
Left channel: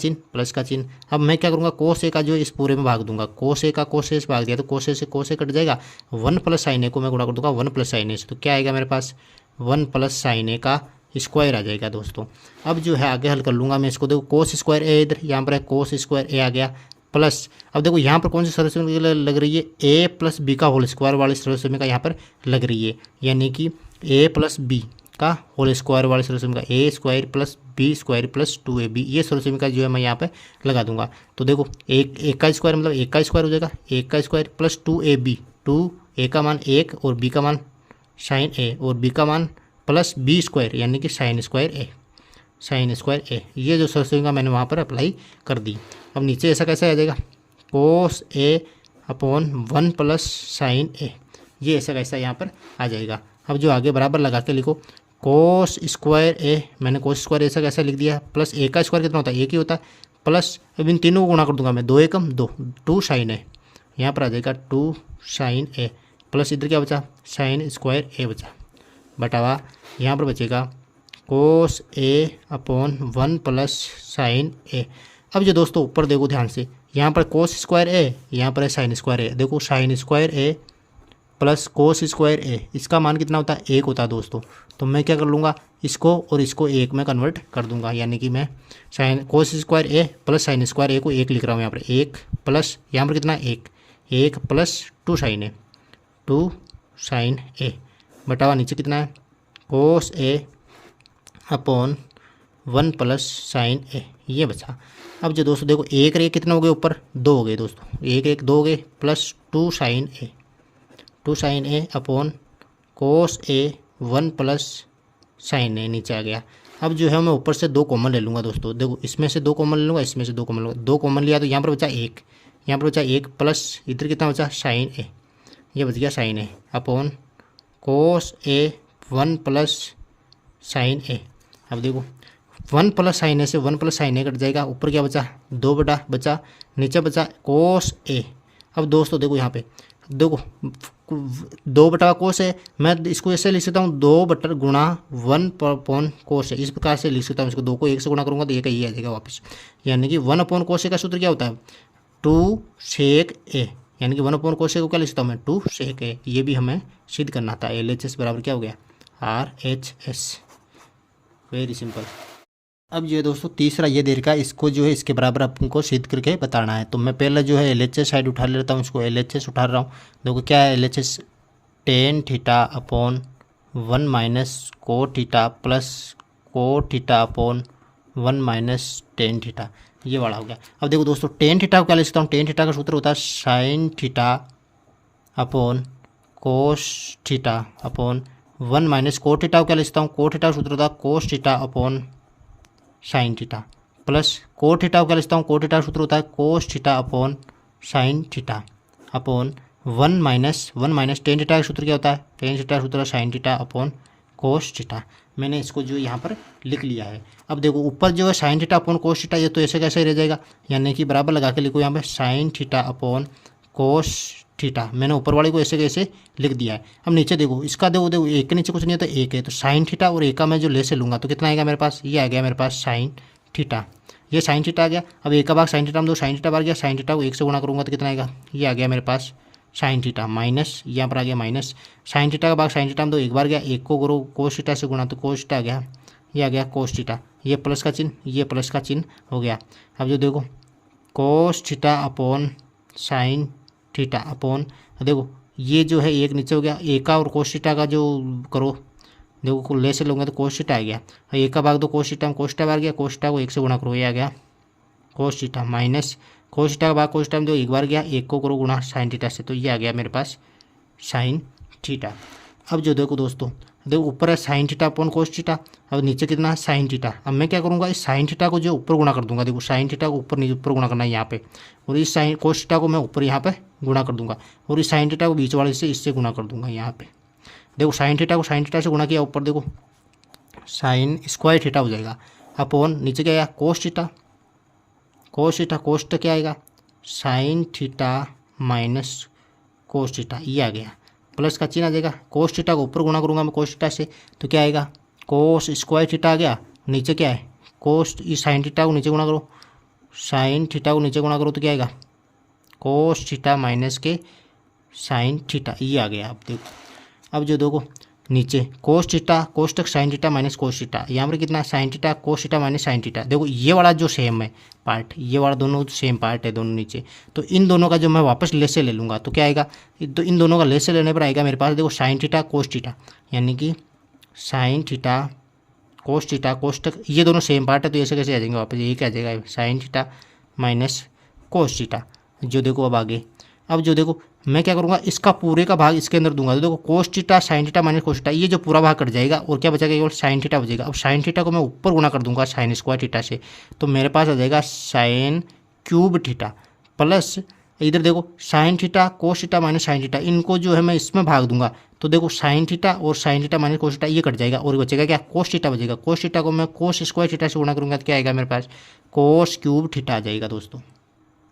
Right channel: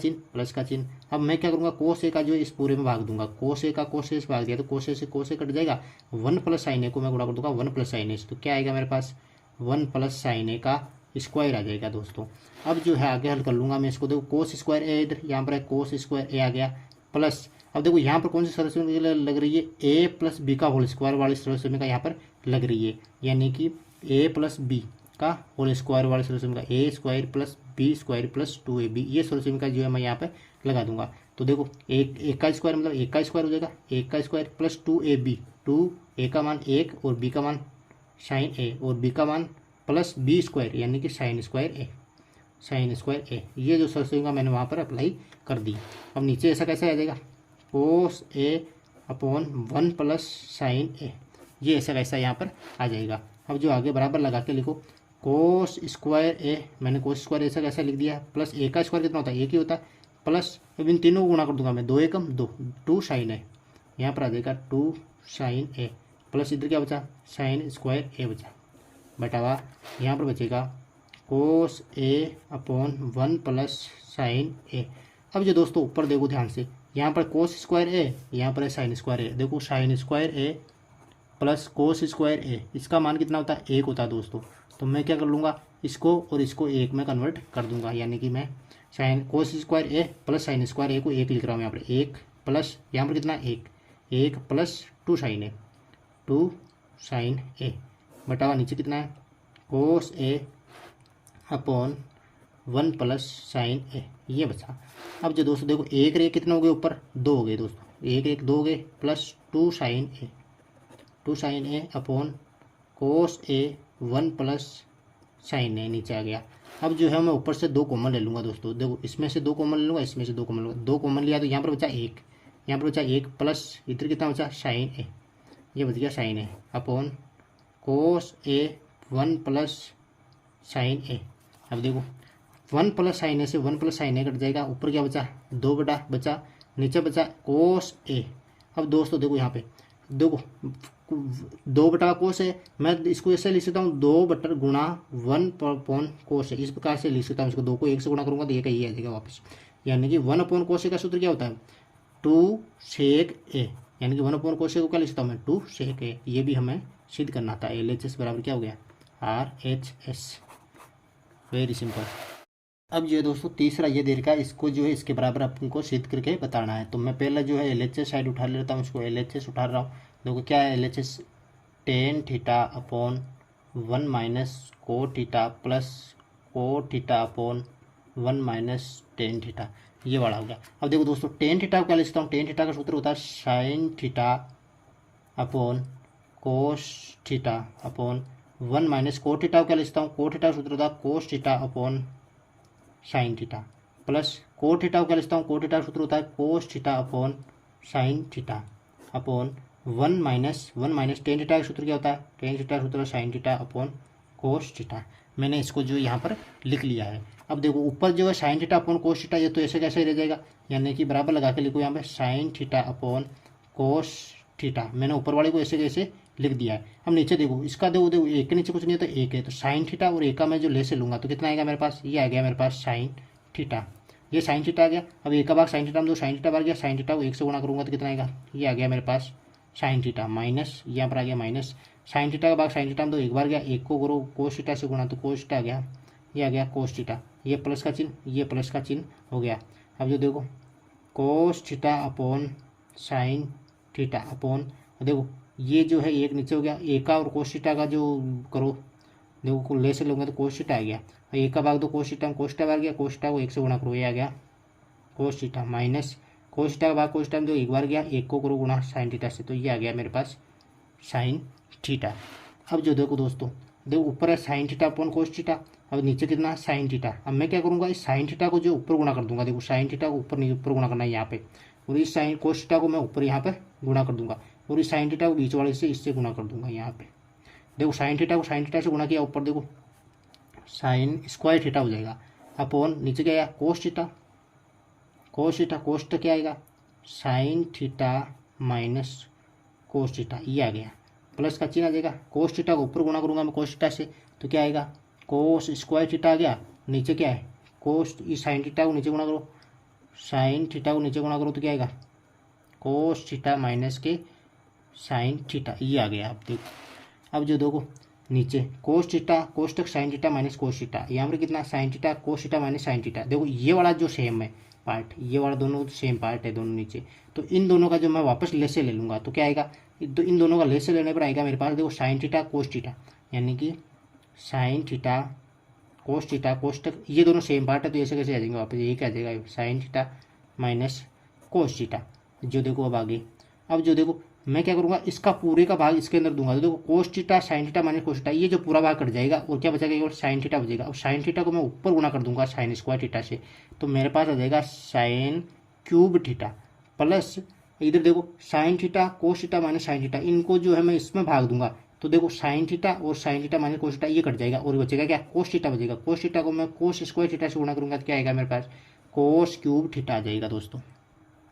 चिन्ह। अब मैं क्या करूँगा, कोस ए का जो इस पूरे में भाग दूंगा, कोस ए का कोस ए से भाग दिया तो कोस ए से कोस ए कट जाएगा, 1 प्लस साइन ए को मैं गुणा कर दूंगा 1 प्लस साइन ए से, तो क्या आएगा मेरे पास 1 प्लस साइन ए का स्क्वायर आ जाएगा दोस्तों। अब जो है आगे हल कर लूँगा मैं इसको, देखो कोस स्क्वायर ए इधर यहाँ पर है, कोस स्क्वायर ए आ गया प्लस, अब देखो यहाँ पर कौन सी सरलसमीका लग रही है, ए प्लस बी का होल स्क्वायर वाली सरलसमीका यहाँ पर लग रही है, यानी कि ए प्लस बी का होल स्क्वायर वाली सरलसमीका a square plus B square plus 2ab, ये सरलसमीका जो है मैं यहाँ पे लगा दूंगा। तो देखो एक का स्क्वायर मतलब एक का स्क्वायर हो जाएगा, एक का स्क्वायर प्लस 2ab, 2 ए का मान 1 और बी का मान साइन ए और बी का मान प्लस बी स्क्वायर यानी कि साइन स्क्वायर ए, ये जो सरलसमीका मैंने वहाँ पर अप्लाई कर दी। अब नीचे ऐसा कैसे आ जाएगा, कोस ए अपॉन 1 प्लस साइन ए, ये ऐसा कैसा यहाँ पर आ जाएगा। अब जो आगे बराबर लगा के लिखो, कोस स्क्वायर ए, मैंने कोस स्क्वायर ऐसा कैसा लिख दिया, प्लस ए का स्क्वायर कितना होता है, एक ही होता है, प्लस अब इन तीनों को गुणा कर दूंगा मैं, 2 एकम 2, 2 साइन ए, यहाँ पर आ जाएगा 2 साइन ए, प्लस इधर क्या बचा, साइन स्क्वायर ए बचा, बटावा यहाँ पर बचेगा कोस ए अपॉन 1 प्लस साइन ए। अब जो दोस्तों ऊपर देखो ध्यान से, यहाँ पर कोस स्क्वायर ए, यहाँ पर है साइन स्क्वायर ए, देखो साइन स्क्वायर ए प्लस कोस स्क्वायर ए, इसका मान कितना होता है, 1 होता है दोस्तों। तो मैं क्या कर लूँगा, इसको और इसको 1 में कन्वर्ट कर दूंगा, यानी कि मैं साइन कोस स्क्वायर ए प्लस साइन स्क्वायर ए को 1 लिख रहा हूँ यहाँ पर, 1 प्लस यहाँ पर कितना 1 प्लस 2 साइन ए, 2 साइन ए बटावा नीचे कितना है, कोस ए अपॉन 1 प्लस साइन ए, ये बचा। अब जो दोस्तों देखो एक रे कितने हो गए, ऊपर 2 हो गए दोस्तों, एक 2 हो गए प्लस 2 साइन ए अपॉन कोस ए 1 प्लस साइन ए, नीचे आ गया। अब जो है मैं ऊपर से 2 कॉमन ले लूँगा दोस्तों, देखो इसमें से 2 कॉमन ले लूँगा, इसमें से 2 कॉमन लूँगा, 2 कॉमन लिया तो यहाँ पर बचा 1, यहाँ पर बचा 1 प्लस इधर कितना बचा साइन ए, ये बच गया साइन ए अपॉन कोस ए 1 प्लस साइन ए। अब देखो 1 प्लस साइन ए से 1 प्लस साइन ए कट जाएगा, ऊपर क्या बचा 2 बटा बचा, नीचे बचा कोस ए। अब दोस्तों देखो यहाँ पे देखो 2 बटा कोस है, मैं इसको ऐसे लिख सकता हूँ 2 बटा गुणा 1 अपॉन कोस है, इस प्रकार से लिख सकता हूँ इसको, 2 को 1 से गुणा करूँगा तो ये का ये आ जाएगा वापस, यानी कि 1 अपॉन कोस ए का सूत्र क्या होता है 2 सेक ए, यानी कि 1 अपॉन कोस ए को क्या लिख सकता हूँ मैं 2 सेक ए, ये भी हमें सिद्ध करना था। LHS बराबर क्या हो गया RHS, वेरी सिंपल। अब जो है दोस्तों तीसरा ये दे रखा है, इसको जो है इसके बराबर आपको सिद्ध करके बताना है। तो मैं पहले जो है LHS साइड उठा लेता हूँ, इसको LHS उठा रहा हूँ। देखो क्या है LHS, tan theta upon 1 minus को थीटा प्लस को theta upon 1 minus tan theta, ये वाला हो गया। अब देखो दोस्तों टेन थीटा को क्या लिख सकता हूँ, टेन थीटा का सूत्र होता है sin theta upon cos theta upon 1 minus को थीटा को क्या लिखता हूँ, को थीटा का सूत्र होता है cos theta upon sine theta plus को थीटा को क्या लिखता हूँ, को थीटा का सूत्र होता है cos theta upon sine theta upon 1 minus tan theta का सूत्र क्या होता है, टेन थीटा का सूत्र है sin theta upon cos theta. मैंने इसको जो यहाँ पर लिख लिया है। अब देखो ऊपर जो है sin theta upon cos theta, ये तो ऐसे कैसे रह जाएगा, यानी कि बराबर लगा के लिखो यहाँ पे sign theta upon cos theta, मैंने ऊपर वाले को ऐसे कैसे लिख दिया है। अब नीचे देखो इसका देखो एक के नीचे कुछ नहीं है तो एक है, तो साइन थीटा और एक का मैं जो ले से लूँगा तो कितना आएगा मेरे पास, ये आ गया मेरे पास साइन थीटा, ये साइन थीटा आ गया। अब एक का भाग साइन थीटा में दो, साइन थीटा बाहर गया, साइन थीटा को 1 से गुणा करूँगा तो कितना आएगा, ये आ गया मेरे पास साइन थीटा माइनस यहाँ पर आ गया माइनस साइन थीटा का भाग साइन थीटा में दो, एक बार गया, एक को करो कोस थीटा से गुणा तो कोस थीटा आ गया, ये आ गया कोस थीटा, ये प्लस का चिन्ह, ये प्लस का चिन्ह हो गया। अब जो देखो cos theta upon sine theta upon, देखो ये जो है एक नीचे हो गया, एक का और कोस थीटा का जो करो देखो ले से लूँगा तो कोस थीटा आ गया, एक का भाग दो कोस थीटा में, कोस थीटा बाहर गया, कोस थीटा को 1 से गुणा करो, ये आ गया cos theta minus cos theta का भाग कोस थीटा में दो, एक बार गया, एक को करो गुणा साइन थीटा से, तो ये आ गया मेरे पास साइन थीटा। अब जो देखो दोस्तों देखो ऊपर है sin theta upon cos theta, अब नीचे कितना है साइन थीटा। अब मैं क्या करूँगा, इस साइन थीटा को जो ऊपर गुणा कर दूंगा, देखो साइन थीटा को ऊपर नीचे ऊपर गुणा करना है यहाँ पे, और इस साइन कोस थीटा को मैं ऊपर यहाँ पे गुणा कर दूंगा, और इस साइन थीटा को बीच वाले से इससे गुणा कर दूंगा यहाँ पे। देखो साइन थीटा को साइन थीटा से गुणा किया, ऊपर देखो साइन स्क्वायर थीटा हो जाएगा अपॉन नीचे क्या आया cos theta, cos theta cos theta क्या आएगा sign theta minus cos theta, ये आ गया प्लस का चिन्ह आ जाएगा, कोस थीटा को ऊपर गुणा करूँगा मैं कोस थीटा से तो क्या आएगा कोस स्क्वायर थीटा आ गया, नीचे क्या है कोस, इस साइन थीटा को नीचे गुणा करो, साइन थीटा को नीचे गुणा करो तो क्या आएगा, कोस थीटा माइनस के साइन थीटा, ये आ गया। अब देखो, अब जो देखो नीचे कोस थीटा कोस तक sign theta minus cos theta, यहाँ पर कितना sign theta cos theta minus sine theta. देखो ये वाला जो सेम है पार्ट, ये वाला दोनों सेम पार्ट है दोनों नीचे, तो इन दोनों का जो मैं वापस लेस से ले लूँगा तो क्या आएगा, तो इन दोनों का लेस से लेने पर आएगा मेरे पास देखो साइन थीटा कोस थीटा, यानी कि साइन थीटा कोस तक, ये दोनों सेम पार्ट है तो ऐसे कैसे आ जाएंगे वापस, यही क्या आ जाएगा sign theta minus cos theta. जो देखो अब आगे, अब जो देखो मैं क्या करूँगा, इसका पूरे का भाग इसके अंदर दूंगा, तो देखो cos theta sine theta minus cos theta, ये जो पूरा भाग कट जाएगा और क्या बचेगा, केवल साइन थीटा बचेगा। अब साइन थीटा को मैं ऊपर गुणा कर दूंगा साइन स्क्वायर थीटा से, तो मेरे पास आ जाएगा साइन क्यूब थीटा प्लस, इधर देखो sign theta cos theta minus sine theta, इनको जो है मैं इसमें भाग दूंगा, तो देखो साइन थीटा और sign theta minus cos theta ये कट जाएगा और बचेगा क्या, कोस थीटा बचेगा। कोस थीटा को मैं कोस स्क्वायर थीटा से गुणा करूँगा तो क्या आएगा मेरे पास, कोस क्यूब थीटा आ जाएगा दोस्तों।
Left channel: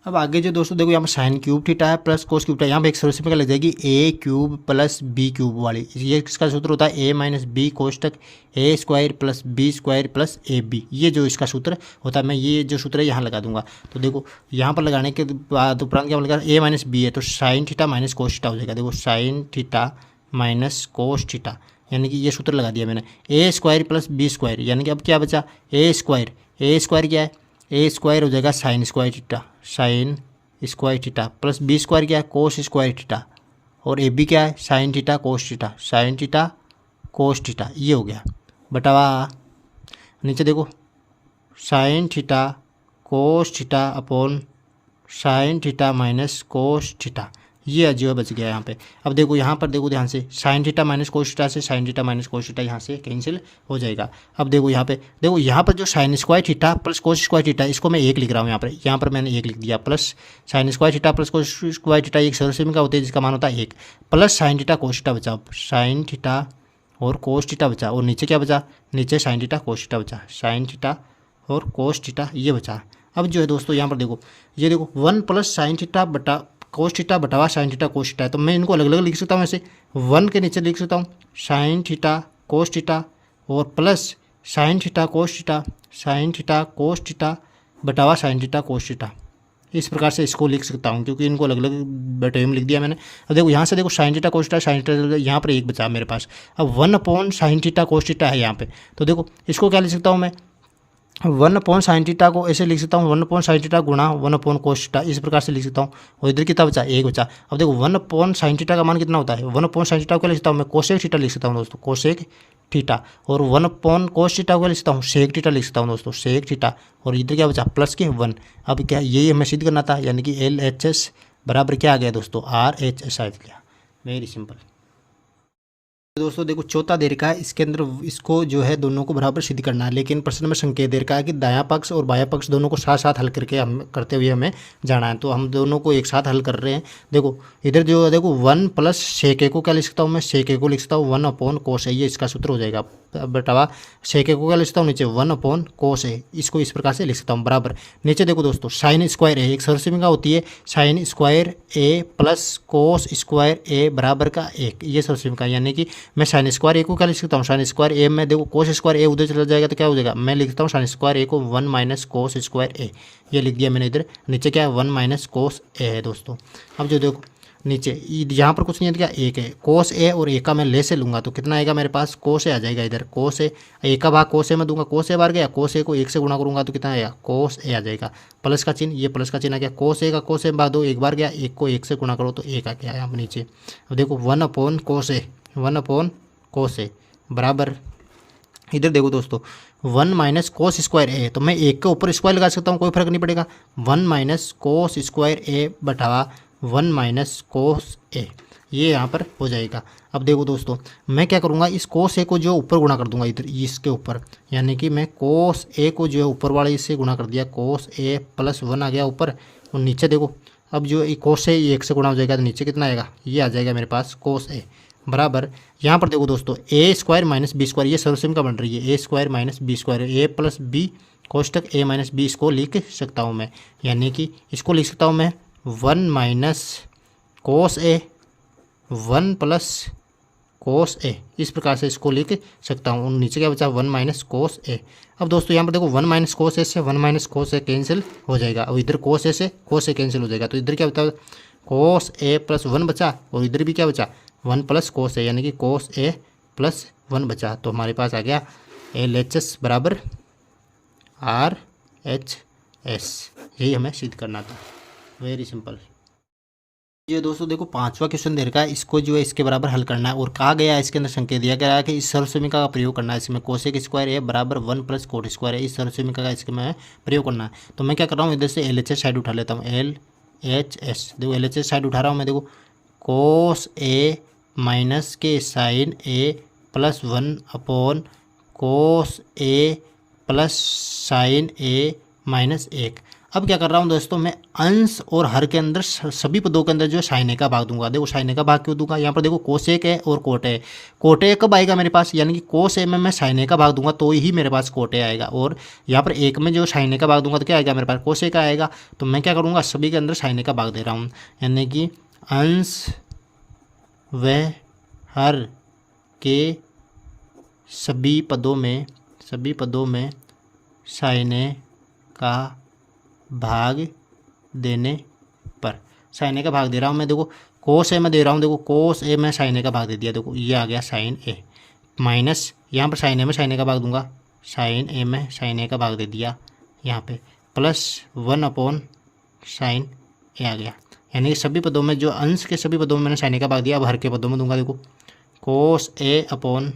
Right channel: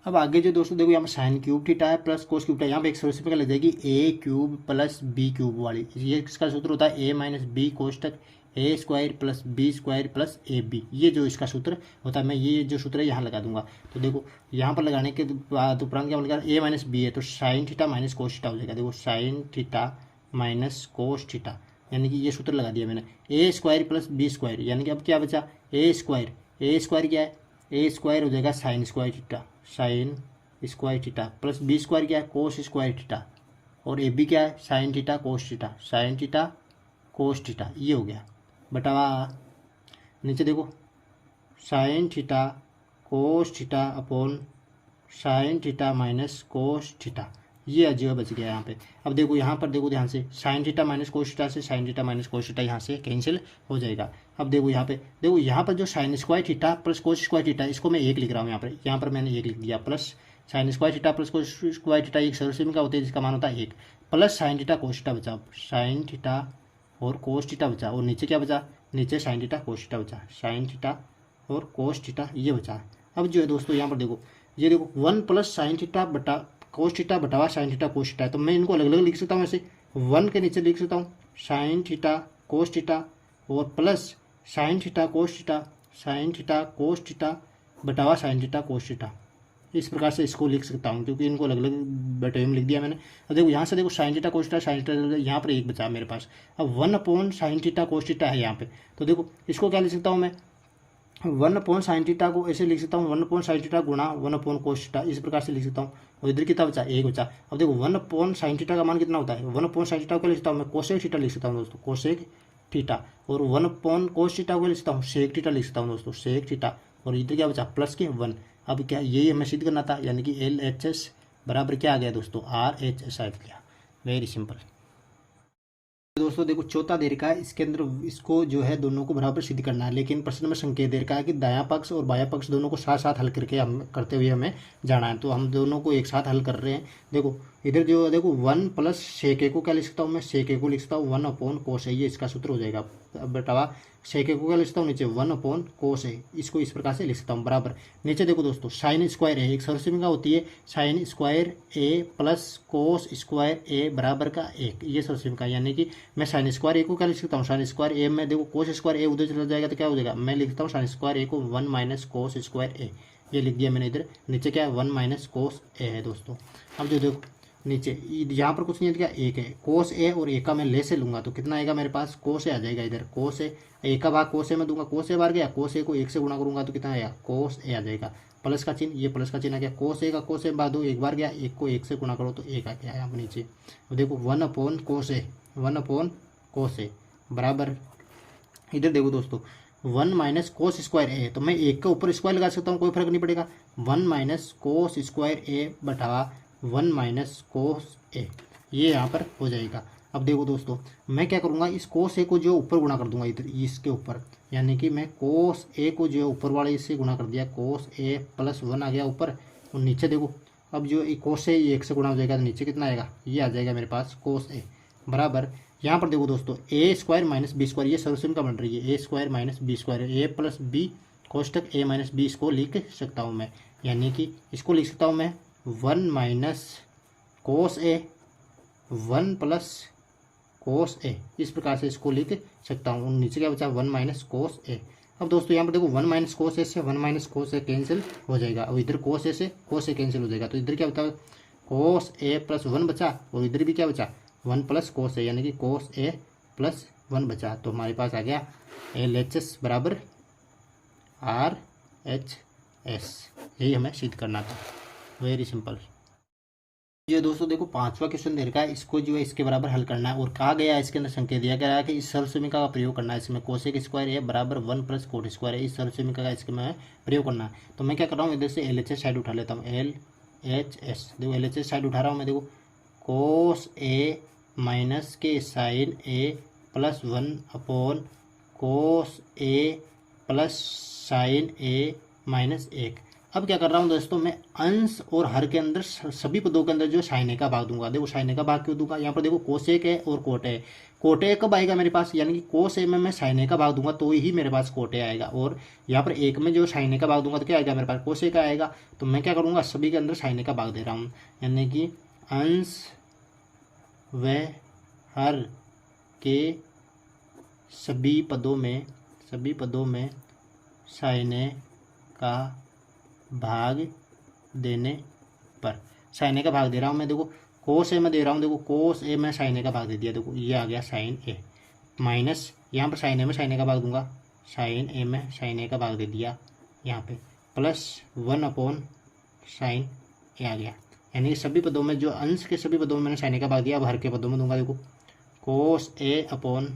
अब आगे जो दोस्तों देखो यहाँ पर साइन क्यूब थीटा है प्लस कोस क्यूब थीटा, यहाँ पे एक सरल क्या लग जाएगी, ए क्यूब प्लस बी क्यूब वाली, ये किसका सूत्र होता है, ए माइनस बी कोस तक a square plus B square plus a b, ये जो इसका सूत्र होता है, मैं ये जो सूत्र है यहाँ लगा दूंगा। तो देखो यहाँ पर लगाने के बाद उपरांत क्या लगा, ए माइनस बी है तो sign theta minus cos theta हो जाएगा। देखो sign theta minus cos theta, यानी कि ये सूत्र लगा दिया मैंने, ए स्क्वायर प्लस बी स्क्वायर, यानी कि अब क्या बचा, ए स्क्वायर क्या है, ए स्क्वायर हो जाएगा sine square theta plus B square क्या है, कोस स्क्वायर थीटा, और ए बी क्या है, साइन थीटा कोस थीटा, ये हो गया बटावा नीचे देखो sign theta cos theta upon sine theta minus cos theta, ये जो बच गया यहाँ पे। अब देखो यहाँ पर देखो ध्यान से, sin theta minus cos theta से sin theta minus cos theta यहाँ से कैंसिल हो जाएगा। अब देखो यहाँ पे, देखो यहाँ पर जो sign square theta plus cos square theta, इसको मैं एक लिख रहा हूँ यहाँ पर मैंने एक लिख दिया, plus sign square theta plus cos square theta एक सरल का होता है जिसका मान होता है एक, plus sin theta cos theta बचा, साइन थीटा और कोस थीटा बचा, और नीचे क्या बचा, नीचे साइन थीटा कोस थीटा बचा, साइन थीटा और कोस थीटा ये बचा। अब जो है दोस्तों यहाँ पर देखो, ये देखो 1 प्लस साइन थीटा बटा कोस थीटा बटावा साइन थीटा कोस थीटा है, तो मैं इनको अलग अलग लिख सकता हूँ, ऐसे 1 के नीचे लिख सकता हूँ साइन थीटा कोस थीटा और plus sin theta cos theta बटावा साइन थीटा कोस थीटा, इस प्रकार से इसको लिख सकता हूँ क्योंकि इनको अलग अलग बटे में लिख दिया मैंने। अब देखो यहाँ से देखो sign theta cos theta sine theta, यहाँ पर एक बचा मेरे पास। अब 1 upon sine theta cos theta है यहाँ पे, तो देखो इसको क्या लिख सकता हूँ मैं, 1 अपॉन साइन थीटा को ऐसे लिख सकता हूँ 1 अपॉन साइन थीटा गुणा 1 अपॉन कोस थीटा, इस प्रकार से लिख सकता हूँ। और इधर कितना बचा, एक बचा। अब देखो 1 अपॉन साइन थीटा का मान कितना होता है, 1 अपॉन साइन थीटा को क्या लिख सकता हूँ मैं, कोसेक थीटा लिख सकता हूँ दोस्तों, कोसेक थीटा, और 1 अपॉन कोस थीटा को क्या लिख सकता हूँ, सेक थीटा लिख सकता हूँ दोस्तों, सेक थीटा। और इधर क्या बचा, प्लस के 1। अब क्या यही हमें सिद्ध करना था, यानी कि LHS बराबर क्या आ गया दोस्तों, RHS आ गया। वेरी सिंपल दोस्तों। देखो चौथा दे रखा है, इसके अंदर इसको जो है दोनों को बराबर सिद्ध करना है, लेकिन प्रश्न में संकेत दे रखा है कि दायां पक्ष और बायां पक्ष दोनों को साथ साथ हल करके हम करते हुए हमें जाना है, तो हम दोनों को एक साथ हल कर रहे हैं। देखो इधर जो देखो 1 प्लस सेक ए को क्या लिख सकता हूँ मैं, सेक ए को लिख सकता हूँ 1 अपॉन कोस ए, ये इसका सूत्र हो जाएगा बटावा सेक ए को क्या लिख सकता हूँ नीचे 1 अपॉन कोस ए, इसको इस प्रकार से लिख सकता हूँ बराबर। नीचे देखो दोस्तों साइन स्क्वायर ए, एक सरल होती है साइन स्क्वायर ए प्लस कोस स्क्वायर ए बराबर का 1, ये सरल, यानी कि मैं साइन स्क्वायर ए को क्या लिख सकता हूँ, साइन स्क्वायर ए में देखो कोस स्क्वायर ए उधर चला जाएगा तो क्या हो जाएगा, मैं लिखता हूँ साइन स्क्वायर ए को 1 माइनस कोस स्क्वायर ए, ये लिख दिया मैंने इधर। नीचे क्या है 1 माइनस कोस ए है दोस्तों। अब जो देखो नीचे यहाँ पर कुछ नहीं है, क्या एक है, कोस ए और ए का मैं ले से लूँगा तो कितना आएगा मेरे पास, कोस ए आ जाएगा इधर, कोस ए का भाग कोस ए में दूंगा, कोस ए बार गया, कोस ए को 1 से गुणा करूँगा तो कितना आएगा, कोस ए आ जाएगा, प्लस का चिन्ह, ये प्लस का चिन्ह आ गया, कोस ए का कोस ए बाद दो, एक बार गया, 1 को 1 से गुणा करो तो 1 आ गया यहाँ पर नीचे। अब देखो 1 अपॉन कोस ए, 1 अपॉन कोस ए बराबर, इधर देखो दोस्तों 1 माइनस कोस स्क्वायर ए, तो मैं 1 के ऊपर स्क्वायर लगा सकता हूँ, कोई फर्क नहीं पड़ेगा, 1 माइनस कोस स्क्वायर ए बटावा 1 माइनस कोस ए, ये यहाँ पर हो जाएगा। अब देखो दोस्तों मैं क्या करूँगा, इस कोस ए को जो ऊपर गुणा कर दूंगा इधर इसके ऊपर, यानी कि मैं कोस ए को जो है ऊपर वाले इससे गुणा कर दिया, कोस ए प्लस 1 आ गया ऊपर, और नीचे देखो अब जो कोस ए 1 से गुणा हो जाएगा तो नीचे कितना आएगा, ये आ जाएगा मेरे पास कोस ए बराबर। यहाँ पर देखो दोस्तों ए स्क्वायर माइनस बी स्क्वायर, ये सरल का बन रही है, ए स्क्वायर माइनस बी स्क्वायर, ए प्लस बी कोष्टक ए माइनस बी, इसको लिख सकता हूँ मैं, यानी कि इसको लिख सकता हूँ मैं 1 माइनस कोस ए 1 प्लस कोस ए, इस प्रकार से इसको लिख सकता हूँ। नीचे क्या बचा 1 माइनस कोस ए। अब दोस्तों यहाँ पर देखो 1 माइनस कोस ए से 1 माइनस कोस ए कैंसिल हो जाएगा, और इधर कोस ए से कोस ए कैंसिल हो जाएगा, तो इधर क्या बता कोस ए प्लस 1 बचा, और इधर भी क्या बचा 1 प्लस कोस ए, यानी कि कोस ए प्लस 1 बचा। तो हमारे पास आ गया LHS बराबर RHS। यही हमें सिद्ध करना था, वेरी सिंपल। ये दोस्तों देखो 5वां क्वेश्चन दे रखा है, इसको जो है इसके बराबर हल करना है, और कहा गया है इसके अंदर संकेत दिया गया है कि इस सर्वसमीका का प्रयोग करना है। इसमें कोसेक स्क्वायर ए बराबर 1 प्लस कोट स्क्वायर है, इस सर्वसमीका का इसके में प्रयोग करना है। तो मैं क्या कर रहा हूँ, इधर से LHS साइड उठा लेता हूँ, LHS देखो LHS साइड उठा रहा हूँ मैं। देखो कोस ए माइनस के साइन ए प्लस 1 अपॉन कोस ए प्लस साइन ए माइनस 1। अब क्या कर रहा हूँ दोस्तों, मैं अंश और हर के अंदर सभी पदों के अंदर जो साइन ए का भाग दूंगा। देखो साइन ए का भाग क्यों दूंगा, यहाँ पर देखो कोसेक है और कोट है। कोट ए कब आएगा मेरे पास, यानी कि कोस ए में मैं साइन ए का भाग दूंगा तो ही मेरे पास कोट ए आएगा, और यहाँ पर एक में जो साइन ए का भाग दूंगा तो क्या आएगा मेरे पास कोस ए का आएगा। तो मैं क्या करूँगा, सभी के अंदर साइन ए का भाग दे रहा हूँ, यानी कि अंश व हर के सभी पदों में साइन ए का भाग देने पर, साइन ए का भाग दे रहा हूँ मैं। देखो कोस ए में दे रहा हूँ, देखो कोस ए में साइन ए का भाग दे दिया, देखो ये आ गया साइन ए, माइनस यहाँ पर साइन ए में साइन ए का भाग दूंगा, साइन ए में साइन ए का भाग दे दिया यहाँ पे, प्लस 1 अपॉन साइन ए आ गया। यानी कि सभी पदों में जो अंश के सभी पदों में मैंने साइन ए का भाग दिया, अब हर के पदों में दूंगा। देखो कोस ए अपॉन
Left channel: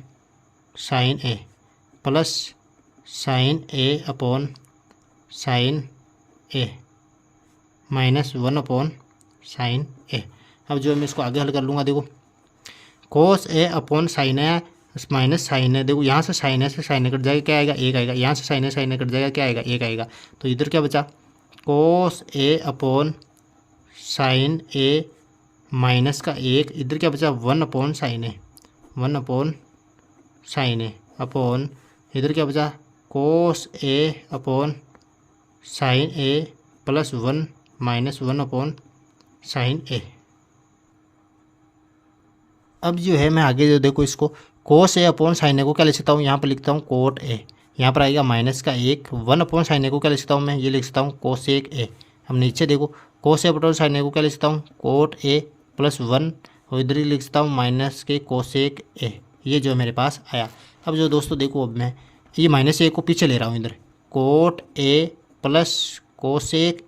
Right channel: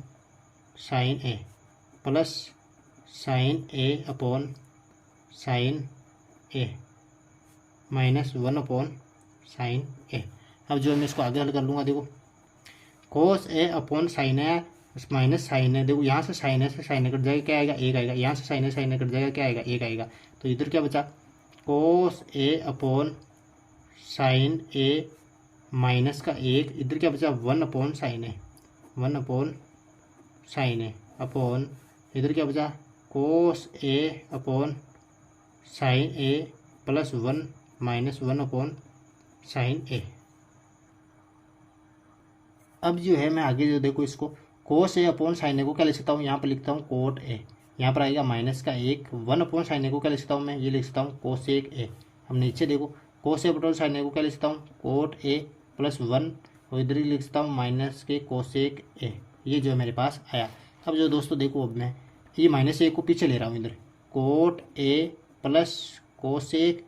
साइन ए प्लस साइन ए अपॉन साइन ए माइनस 1 अपॉन साइन ए। अब जो मैं इसको आगे हल कर लूँगा, देखो कोस ए अपॉन साइन ए माइनस साइन ए, देखो यहाँ से साइन ए कट जाएगा, क्या आएगा 1 आएगा, यहाँ से साइन ए कट जाएगा, क्या आएगा 1 आएगा। तो इधर क्या बचा कोस ए अपॉन साइन ए माइनस का 1, इधर क्या बचा 1 अपॉन साइन ए, 1 अपॉन साइन ए अपॉन इधर क्या बचा कोस ए अपॉन साइन ए प्लस 1 माइनस 1 अपॉन साइन ए। अब जो है मैं आगे जो देखो इसको कोस ए अपॉन साइन ए को क्या लिख सकता हूँ, यहाँ पर लिखता हूँ कोट ए, यहाँ पर आएगा माइनस का 1 अपॉन साइन ए को क्या लिख सकता हूँ मैं, ये लिख सकता हूँ कोसेक ए। अब नीचे देखो कोस ए अपॉन साइन ए को क्या लिख सकता हूँ कोट ए प्लस 1, और इधर ही लिख सकता हूँ माइनस के कोसेक ए। ये जो मेरे पास आया। अब जो दोस्तों देखो, अब मैं ये माइनस ए को पीछे ले रहा हूँ, इधर coat a plus cosec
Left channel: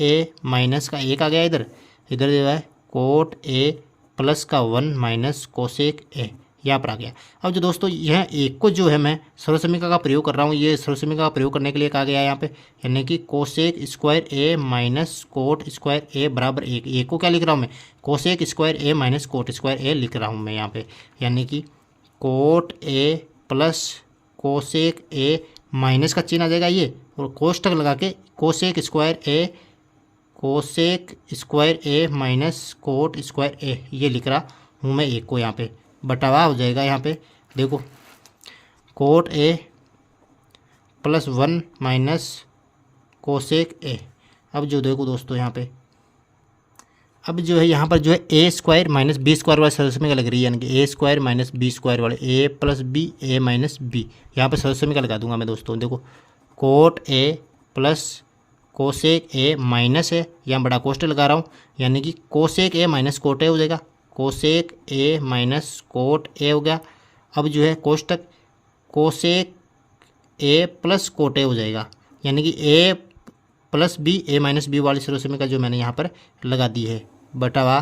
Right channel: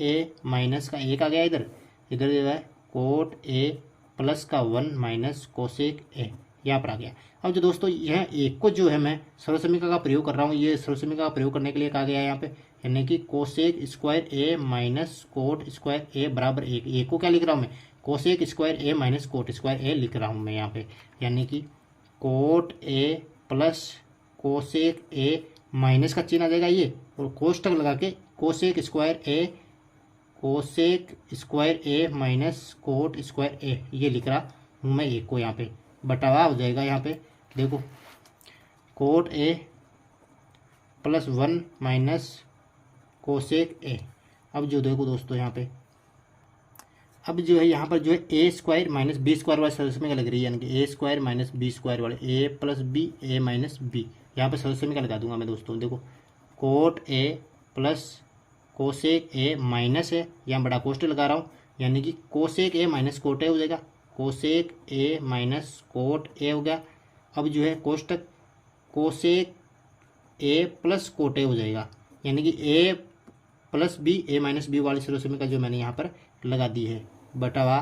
A minus का 1 आ गया, इधर जो है कोट ए प्लस का 1 माइनस कोसेक ए यहाँ पर आ गया। अब जो दोस्तों यह एक को जो है मैं सर्वसमीका का प्रयोग कर रहा हूँ, ये सर्वसमीका का प्रयोग करने के लिए कहा गया है यहाँ पे, यानी कि कोसेक स्क्वायर ए माइनस कोट स्क्वायर ए बराबर 1। एक को क्या लिख रहा हूँ मैं कोसेक स्क्वायर ए माइनस कोट स्क्वायर ए लिख रहा हूँ मैं यहाँ पे, यानी कि coat a plus cosec A minus का चिन्ह आ जाएगा ये, और कोष्टक लगा के कोसेक स्क्वायर ए माइनस कोट स्क्वायर ए ये लिख रहा हूँ मैं एक को, यहाँ पे बटावा हो जाएगा। यहाँ पे देखो coat a plus 1 minus cosec a. अब जो देखो दोस्तों यहाँ पे, अब जो है यहाँ पर जो है ए स्क्वायर माइनस बी स्क्वायर वाले सर्वसमीका लग रही है, यानी कि ए स्क्वायर माइनस बी स्क्वायर वाले ए plus b a minus B, यहाँ पर सर्वसमीका लगा दूंगा मैं दोस्तों। देखो coat a plus cosec A minus है, यहाँ बड़ा कोष्टक लगा रहा हूँ, यानी कि cosec A minus cot a हो जाएगा, cosec A minus cot a हो गया। अब जो है कोष्टक cosec A plus cot a हो जाएगा, यानी कि a plus b a minus b वाली सर्वसमीका जो मैंने यहाँ पर लगा दी है, बटावा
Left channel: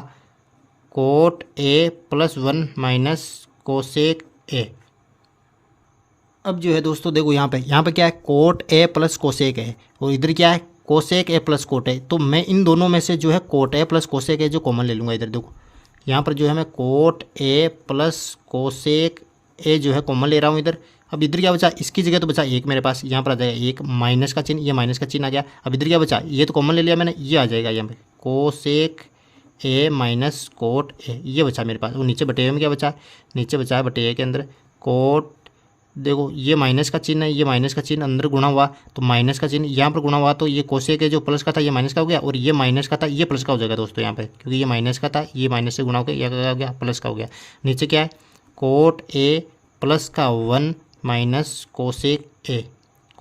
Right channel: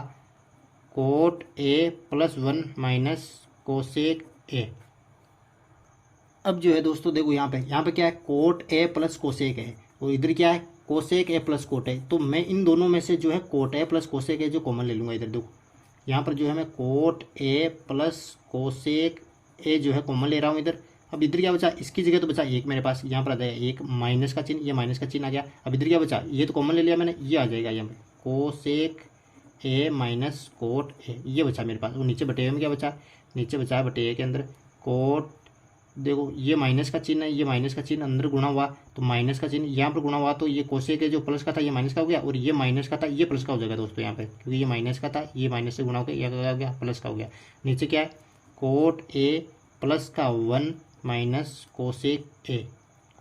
cot a plus 1 minus cosec a. अब जो है दोस्तों देखो यहाँ पे क्या है कोट ए प्लस कोसेक है, और इधर क्या है कोसेक ए प्लस कोट ए। तो मैं इन दोनों में से जो है कोट ए प्लस कोसेक ए जो कॉमन ले लूँगा। इधर देखो यहाँ पर जो है मैं कोट ए प्लस कोसेक ए जो है कॉमन ले रहा हूँ इधर। अब इधर क्या बचा, इसकी जगह तो बचा 1 मेरे पास, यहाँ पर आ जाएगा 1 माइनस का चिन्ह, ये माइनस का चिन्ह आ गया। अब इधर क्या बचा, ये तो कॉमन ले लिया मैंने, ये आ जाएगा यहाँ पे cosec A minus cot A, ये बचा मेरे पास। और नीचे बटे में क्या बचा, नीचे बचा है बटे के अंदर कोट, देखो ये माइनस का चिन्ह है, ये माइनस का चिन्ह अंदर गुणा हुआ तो माइनस का चिन्ह यहाँ पर गुणा हुआ, तो ये कोसेक जो प्लस का था ये माइनस का हो गया, और ये माइनस का था ये प्लस का हो जाएगा दोस्तों यहाँ पे, क्योंकि ये माइनस का था, ये माइनस से गुणा हो गया, यह क्या हो गया प्लस का हो गया। नीचे क्या है कोट ए प्लस का 1 माइनस कोसेक ए,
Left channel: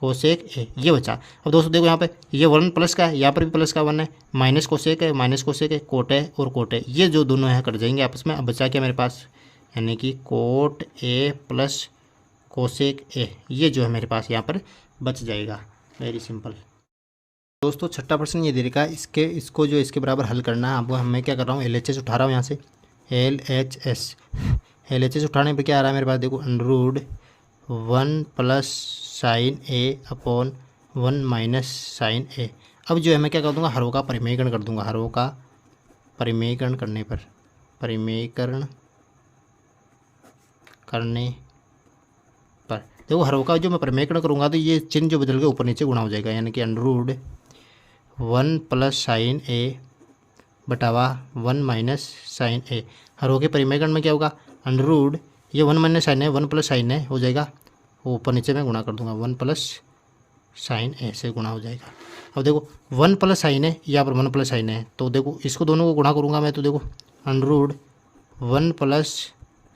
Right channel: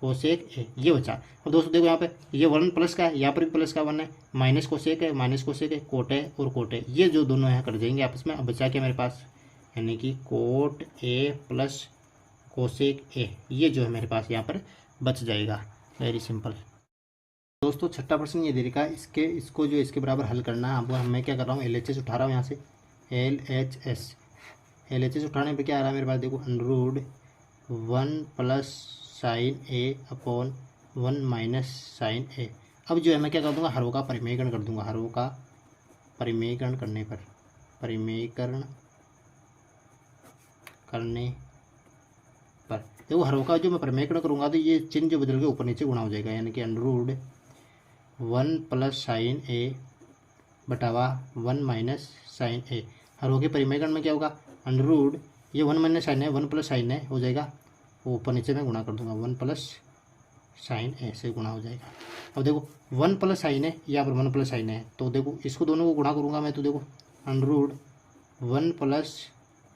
कोसेक ए ये बचा। अब दोस्तों देखो यहाँ पे ये 1 प्लस का है, यहाँ पर भी प्लस का 1 है, माइनस कोसेक है, माइनस कोसेक है, कोट है और कोट है, ये जो दोनों हैं कट जाएंगे आपस में। अब बचा क्या मेरे पास, यानी कि कोट ए प्लस कोसेक ए, ये जो है मेरे पास यहाँ पर बच जाएगा। वेरी सिंपल दोस्तों। छठा प्रश्न ये दे रखा है, इसको जो इसके बराबर हल करना है। अब मैं क्या कर रहा हूँ, LHS उठा रहा हूँ यहाँ से, LHS उठाने पर क्या आ रहा है मेरे पास, देखो अंडररूट 1 प्लस साइन ए अपॉन 1 माइनस साइन ए। अब जो है मैं क्या कर दूँगा, हरों का परिमेयकरण कर दूँगा। हरों का परिमेयकरण करने पर, परिमेयकरण करने पर देखो हरों का जो मैं परिमेयकरण करूँगा तो ये चिन्ह जो बदल के ऊपर नीचे गुणा हो जाएगा, यानी कि अंडररूट 1 प्लस साइन ए बटावा 1 माइनस साइन ए। हरों के परिमेयकरण में क्या होगा, अंडररूट ये 1 माइनस साइन है, 1 प्लस साइन है हो जाएगा, ऊपर नीचे में गुणा कर दूंगा, 1 प्लस साइन ए से गुणा हो जाएगा। अब देखो 1 प्लस साइन है, यहाँ पर 1 प्लस साइन है, तो देखो इसको दोनों को गुणा करूँगा मैं, तो देखो अंडररूट 1 प्लस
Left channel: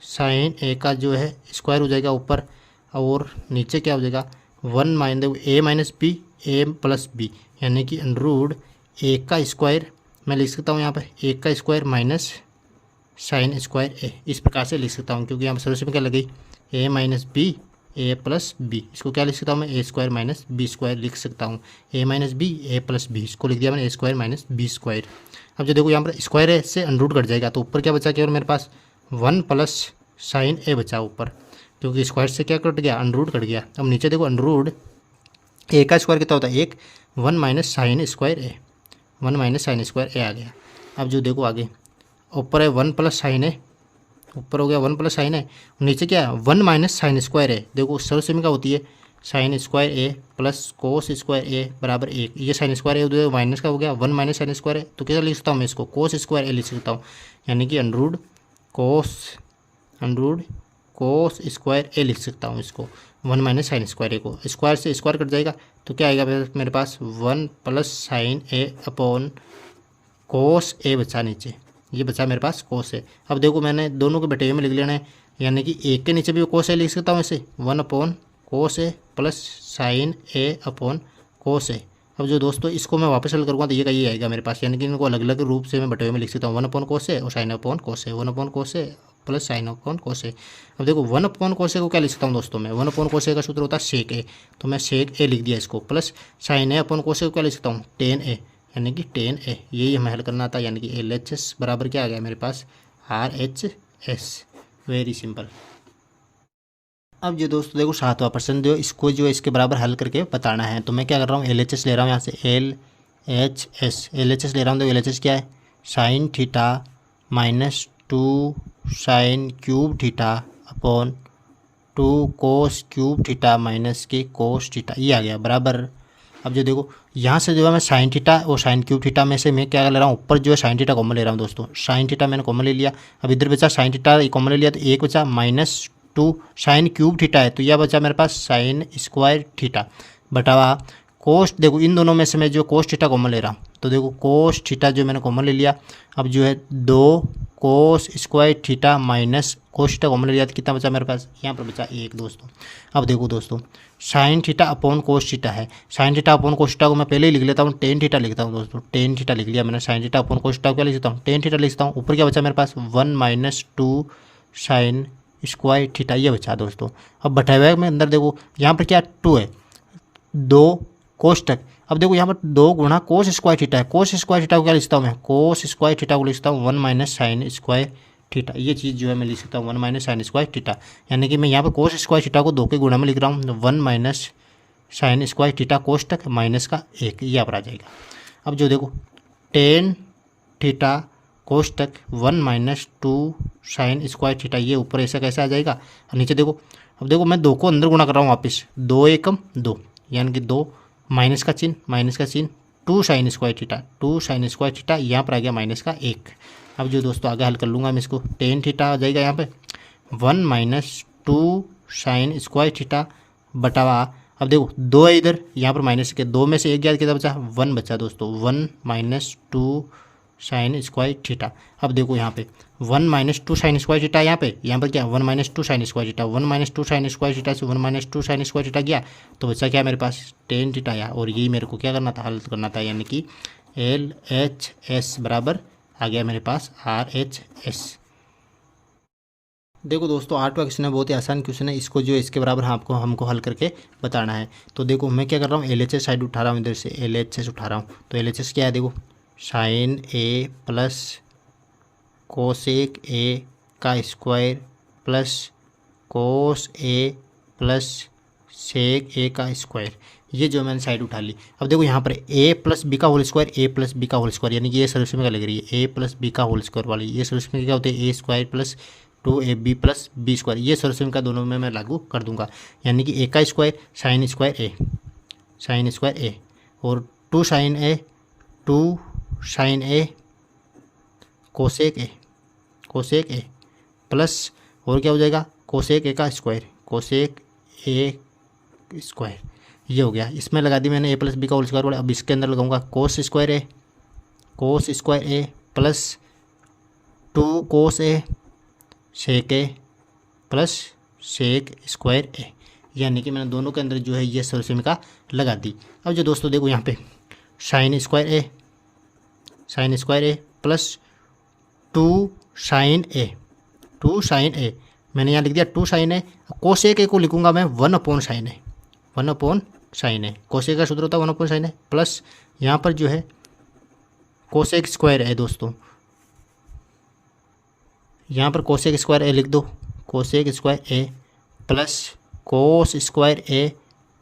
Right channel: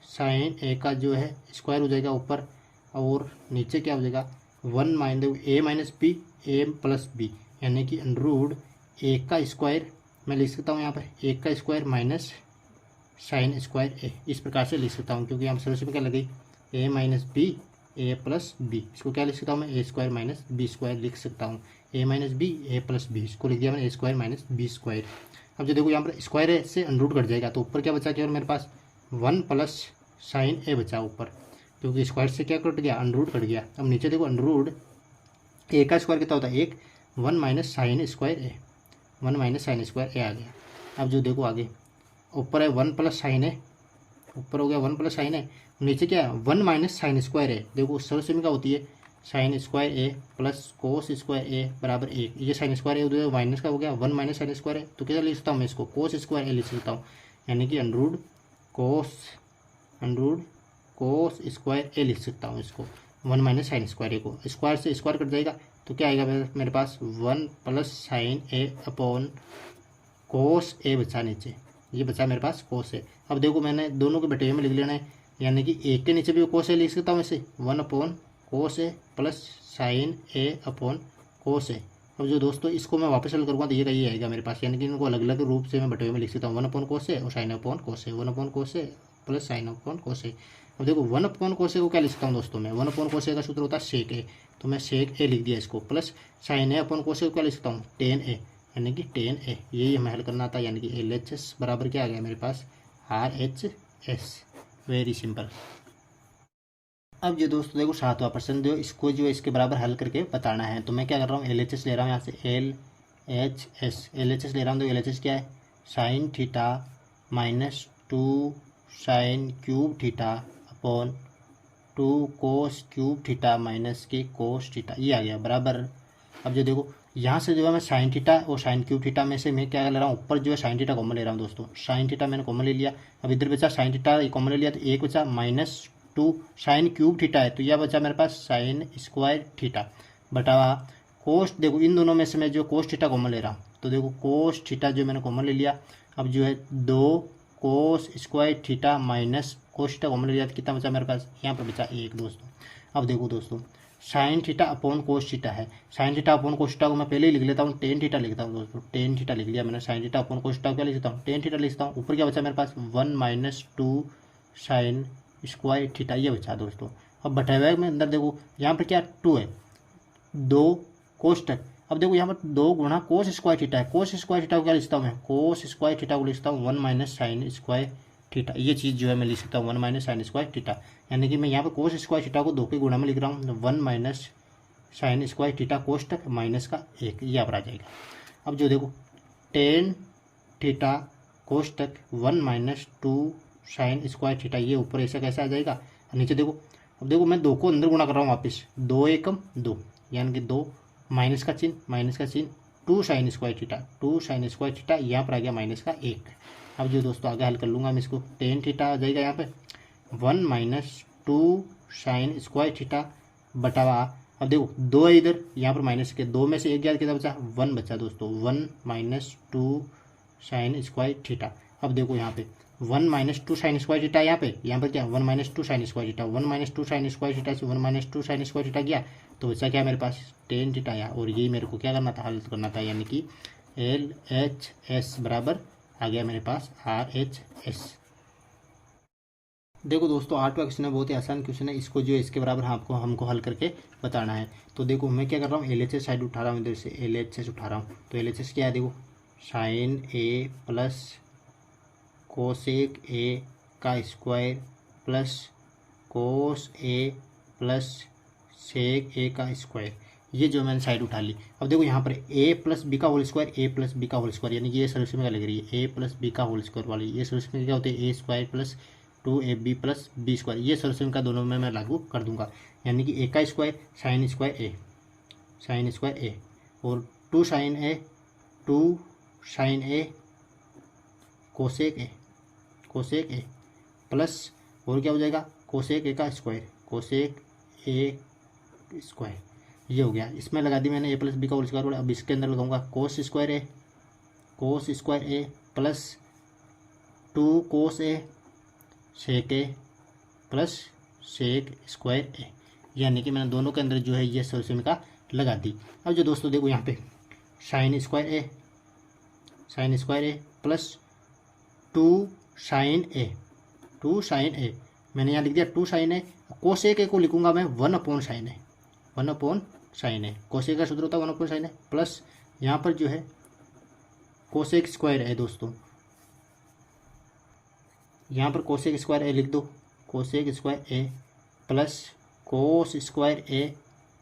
साइन ए का जो है स्क्वायर हो जाएगा ऊपर, और नीचे क्या हो जाएगा 1 माइनस देखो ए माइनस बी, ए प्लस बी, यानी कि अंडररूट 1 का स्क्वायर मैं लिख सकता हूँ यहाँ पर 1 का स्क्वायर माइनस साइन स्क्वायर ए, इस प्रकार से लिख सकता हूँ, क्योंकि यहाँ पर सदस्य में क्या लगी ए माइनस बी ए प्लस बी, इसको क्या लिख सकता हूँ मैं, ए स्क्वायर माइनस बी स्क्वायर लिख सकता हूँ, ए माइनस बी ए प्लस बी, इसको लिख दिया मैंने ए स्क्वायर माइनस बी स्क्वायर। अब जो देखो यहाँ पर स्क्वायर है, इससे अंडररूट कट जाएगा, तो ऊपर क्या बचा केवल मेरे पास 1 प्लस साइन ए बचा ऊपर, क्योंकि स्क्वायर से क्या कट गया, अंडररूट कट गया। अब नीचे देखो अंडररूट ए का स्क्वायर कितना होता है 1, 1 माइनस साइन स्क्वायर ए, 1 माइनस साइन स्क्वायर ए आ गया। अब जो देखो आगे ऊपर है 1 प्लस साइन है, ऊपर हो गया 1 प्लस साइन है, नीचे क्या है 1 माइनस साइन स्क्वायर है। देखो सर्वसमीका होती है साइन स्क्वायर ए प्लस कोस स्क्वायर ए बराबर 1, ये साइन स्क्वायर है उधर माइनस का हो गया 1 माइनस साइन स्क्वायर है, तो कैसे लिख सकता हूँ मैं इसको, कोस स्क्वायर ए लिख सकता हूँ, यानी कि अंडररूट कोस स्क्वायर ए लिख सकता हूँ इसको, 1 माइनस साइन स्क्वायर ए को, स्क्वायर से स्क्वायर कट जाएगा, तो क्या आएगा मेरे पास 1 प्लस साइन ए अपॉन कोस ए बचा नीचे, ये बचा मेरे पास कोस ए। अब देखो मैंने दोनों के बटे में लिख लेना है, यानी कि एक के नीचे भी कोस ए लिख सकता हूँ ऐसे, 1 अपॉन कोस ए प्लस साइन ए अपॉन कोस ए। अब जो दोस्तों इसको मैं वापस हल करूँगा तो ये का ये आएगा मेरे पास, यानी कि इनको अलग अलग रूप से मैं बटे में लिख सकता हूँ, 1 अपॉन कोस ए और साइन अपॉन कोस ए, 1 अपॉन कोस ए प्लस साइन अपॉन कोस ए। अब देखो 1 अपॉन कोस ए को क्या लिख सकता हूँ दोस्तों मैं, 1 अपॉन कोस ए का सूत्र होता है सेक ए, तो मैं सेक ए लिख दिया इसको, प्लस साइन ए अपॉन कोस ए को क्या लिख सकता हूँ टेन ए, यानी कि टेन ए, यही हमें हल करना था, यानी कि LHS बराबर क्या आ गया मेरे पास RHS। Very simple. अब जो दोस्तों देखो 7वां प्रश्न जो इसको जो इसके बराबर हल करके बताना है, तो मैं क्या कर रहा हूँ LHS ले रहा हूँ यहाँ से, LHS ले रहा हूँ। तो LHS क्या है, sin theta minus 2 sine cube theta upon 2 cos cube theta minus के कोस थीटा, ये आ गया बराबर। अब जो देखो यहाँ से जो है मैं साइन थीटा और साइन क्यूब थीटा में से मैं क्या ले रहा हूँ, ऊपर जो है साइन थीटा कॉमन ले रहा हूँ दोस्तों, साइन थीटा मैंने कॉमन ले लिया। अब इधर बचा साइन थीटा कॉमन ले लिया, तो एक बचा माइनस 2 साइन क्यूब थीटा है, तो यह बचा मेरे पास साइन स्क्वायर थीटा बटावा कोस। देखो इन दोनों में से मैं जो कोस थीटा कॉमन ले रहा हूँ, तो देखो कोस थीटा जो मैंने कॉमन ले लिया। अब जो है 2 cos square theta minus cos theta common ले लिया, तो कितना बचा मेरे पास, यहाँ पर बचा 1 दोस्तों। अब देखो दोस्तों sin theta upon cos theta है, sin theta upon cos theta को मैं पहले ही लिख लेता हूँ, टेन थीटा लिखता हूँ दोस्तों, टेन थीटा लिख लिया मैंने। Sign theta upon cos theta को क्या लिख सकता हूँ, टेन थीटा लिख सकता हूँ। ऊपर क्या बचा मेरे पास 1 माइनस 2 साइन स्क्वायर थीटा, ये बचा दोस्तों। अब बटा हुआ में अंदर देखो यहाँ पर क्या 2 है, 2 कोस तक। अब देखो यहाँ पर 2 गुणा कोस स्क्वायर थीटा है, कोस स्क्वायर थीटा को क्या लिखता हूँ मैं, कोस स्क्वायर थीटा को लिखता हूँ 1 माइनस साइन स्क्वायर थीटा, ये चीज़ जो है मैं लिख सकता हूँ 1 माइनस साइन स्क्वायर थीटा, यानी कि मैं यहाँ पर कोस स्क्वायर थीटा को 2 के गुणा में लिख रहा हूँ, 1 minus sign square theta cos तक माइनस का 1, ये यहाँ पर आ जाएगा। अब जो देखो टेन थीटा कोस तक 1 माइनस 2 साइन स्क्वायर थीटा, ये ऊपर ऐसा कैसे आ जाएगा। नीचे देखो, अब देखो मैं 2 को अंदर गुणा कर रहा हूँ वापस, 2 एकम 2, यानी कि 2 माइनस का चिन्ह 2 sign square theta, 2 sign square theta, यहाँ पर आ गया माइनस का 1। अब जो दोस्तों आगे हल कर लूँगा मैं इसको, टेन थीटा आ जाएगा यहाँ पे 1 माइनस 2 साइन स्क्वायर थीटा बटावा। अब देखो 2 है इधर, यहाँ पर माइनस के 2 में से 1 गया, कितना बचा 1 बचा दोस्तों, 1 माइनस 2 साइन स्क्वायर थीटा। अब देखो यहाँ पे 1 माइनस 2 साइन स्क्वायर थीटा, यहाँ पर क्या 1 minus 2 sign square theta, 1 minus 2 sign square theta से 1 माइनस 2 साइन स्क्वायर थीटा गया तो बचा क्या मेरे पास टेन थीटा आया। और यही मेरे को क्या करना था, हल करना था, यानी कि LHS बराबर आ गया मेरे पास RHS। देखो दोस्तों 8वां क्वेश्चन है, बहुत ही आसान क्वेश्चन है। इसको जो है इसके बराबर हमको हल करके बताना है। तो देखो मैं क्या कर रहा हूँ, LHS साइड उठा रहा हूँ, इधर से LHS उठा रहा हूँ। तो LHS क्या है, देखो sine A plus cosec A का square plus cos A plus sec A का स्क्वायर, ये जो मैंने साइड उठा ली। अब देखो यहाँ पर A प्लस बी का whole square, A plus B का होल स्क्वायर, यानी कि ये सॉल्यूशन में क्या लग रही है, A प्लस बी का होल स्क्वायर वाली। ये सॉल्यूशन में क्या होते हैं, A square plus 2AB plus B square. ये सॉल्यूशन का दोनों में मैं लागू कर दूंगा, यानी कि A का स्क्वायर साइन स्क्वायर A और 2 sine A cosec A plus और क्या हो जाएगा कोसेक A का स्क्वायर, कोसेक A स्क्वायर, ये हो गया। इसमें लगा दी मैंने A प्लस बी का होल स्क्वायर वाला। अब इसके अंदर लगाऊंगा cos square A plus 2 cos A sec A plus sec square A, यानी कि मैंने दोनों के अंदर जो है ये सॉल्यूशन का लगा दी। अब जो दोस्तों देखो यहाँ पे sine square A plus 2 sine A, मैंने यहाँ लिख दिया 2 साइन A। कोसेक A को लिखूंगा मैं 1 साइन A, कोसेक का सूत्र होता है 1 साइन A, प्लस यहाँ पर जो है कोसेक स्क्वायर A दोस्तों, यहाँ पर कोसेक स्क्वायर A लिख दो, cosec square A plus cos square A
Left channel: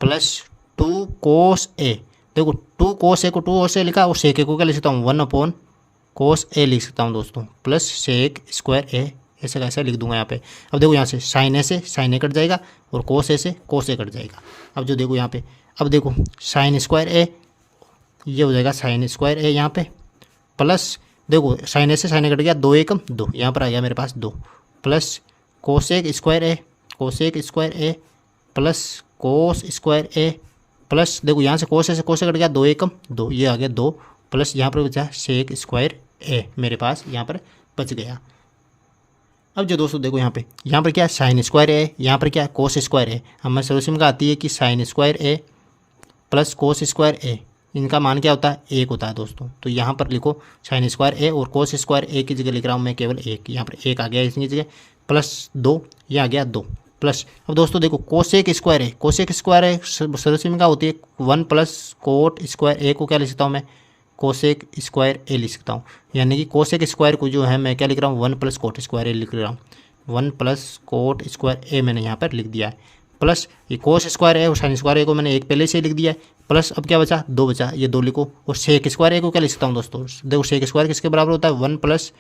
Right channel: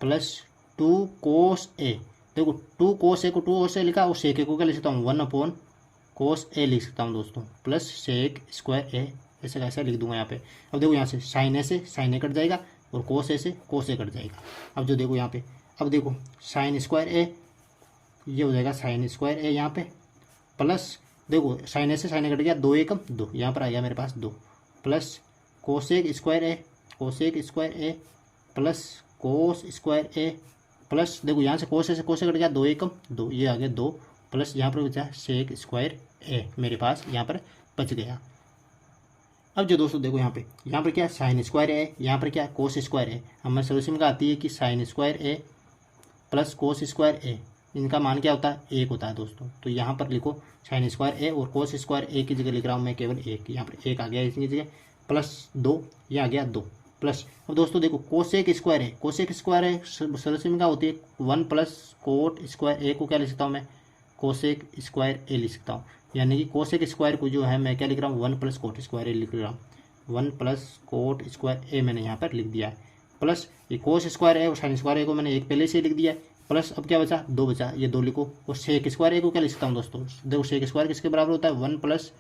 plus 2 cos A। देखो 2 कोस A को 2 कोस A लिखा और सेक A को क्या लिख सकता हूँ 1 कोस A लिख सकता हूँ दोस्तों, प्लस सेक स्क्वायर A, ऐसा कैसा लिख दूंगा यहाँ पे। अब देखो यहाँ से साइन A से साइन A कट जाएगा और कोस A से कोस A कट जाएगा। अब जो देखो यहाँ पे, अब देखो साइन स्क्वायर A, ये हो जाएगा साइन स्क्वायर A यहाँ पे, प्लस देखो साइन A से साइन A कट गया, 2 एकम 2, यहाँ पर आ गया मेरे पास 2, plus cosec square A plus cos square A plus देखो यहाँ से कोस A से कोस A कट गया, 2 एकम 2, ये आ गया 2, प्लस यहाँ पर बचा सेक स्क्वायर A मेरे पास यहाँ पर बच गया। अब जो दोस्तों देखो यहाँ पर क्या साइन स्क्वायर A, यहाँ पर क्या कोस स्क्वायर A। हमें सॉल्यूशन का आती है कि sign square A plus cos square A, इनका मान क्या होता है 1 होता है दोस्तों। तो यहाँ पर लिखो साइन स्क्वायर A और कोस स्क्वायर A की जगह लिख रहा हूँ मैं केवल 1, यहाँ पर 1 आ गया इसकी जगह, प्लस 2, ये आ गया 2, प्लस अब दोस्तों देखो कोसेक स्क्वायर A सॉल्यूशन का होती है 1 प्लस कोट स्क्वायर A को क्या लिख सकता हूँ मैं, कोसेक स्क्वायर A लिख सकता हूँ, यानी कि कोसेक स्क्वायर को जो है मैं क्या लिख रहा हूँ 1 प्लस कोट स्क्वायर A लिख रहा हूँ, 1 प्लस कोट स्क्वायर A मैंने यहाँ पर लिख दिया है, प्लस ये कोस स्क्वायर A और साइन स्क्वायर A को मैंने 1 पहले से ही लिख दिया है, प्लस अब क्या बचा 2 बचा, ये 2 लिखो। और सेक स्क्वायर A को क्या लिख सकता हूँ दोस्तों, देखो सेक स्क्वायर किसके बराबर होता है 1 प्लस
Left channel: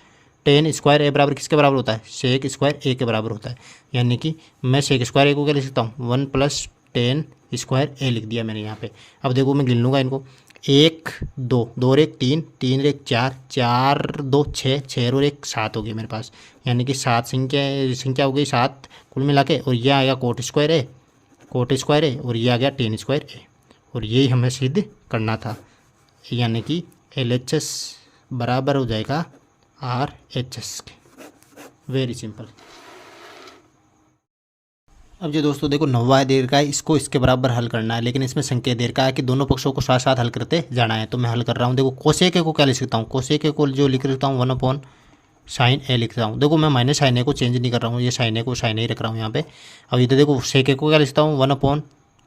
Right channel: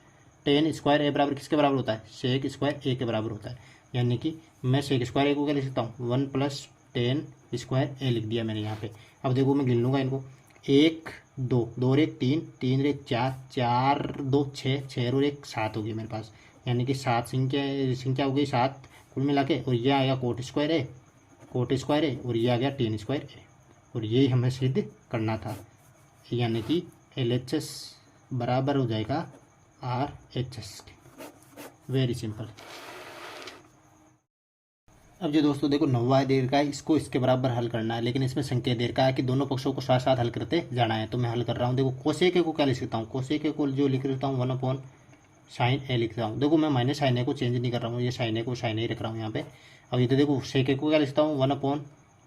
टेन स्क्वायर A बराबर किसके बराबर होता है, सेक स्क्वायर A के बराबर होता है, यानी कि मैं सेक स्क्वायर A को क्या लिख सकता हूँ 1 प्लस टेन स्क्वायर A लिख दिया मैंने यहाँ पे। अब देखो मैं गिन लूँगा इनको, 1 2 2 और 1 3 3 और 1 4 4 2 6 6 और 1 7 हो गई मेरे पास, यानी कि 7 संख्या हो गई 7 कुल मिला के। और ये आ गया कोट स्क्वायर A और ये आ गया टेन स्क्वायर A, और यही हमें सिद्ध करना था, यानी कि LHS बराबर हो जाएगा RHS के। Very simple. अब जो दोस्तों देखो 9वां दे रखा है, इसको इसके बराबर हल करना है, लेकिन इसमें संकेत दे रखा है कि दोनों पक्षों को साथ साथ हल करते जाना है। तो मैं हल कर रहा हूँ। देखो कोसेक A को क्या लिख सकता हूँ, कोसेक A को जो लिख सकता हूँ 1 साइन A लिखता हूँ। देखो मैं माइनस साइन A को चेंज नहीं कर रहा हूँ, ये साइन A को साइन A रख रहा हूँ यहाँ पे। अब इधर देखो सेक A को क्या लिखता हूँ 1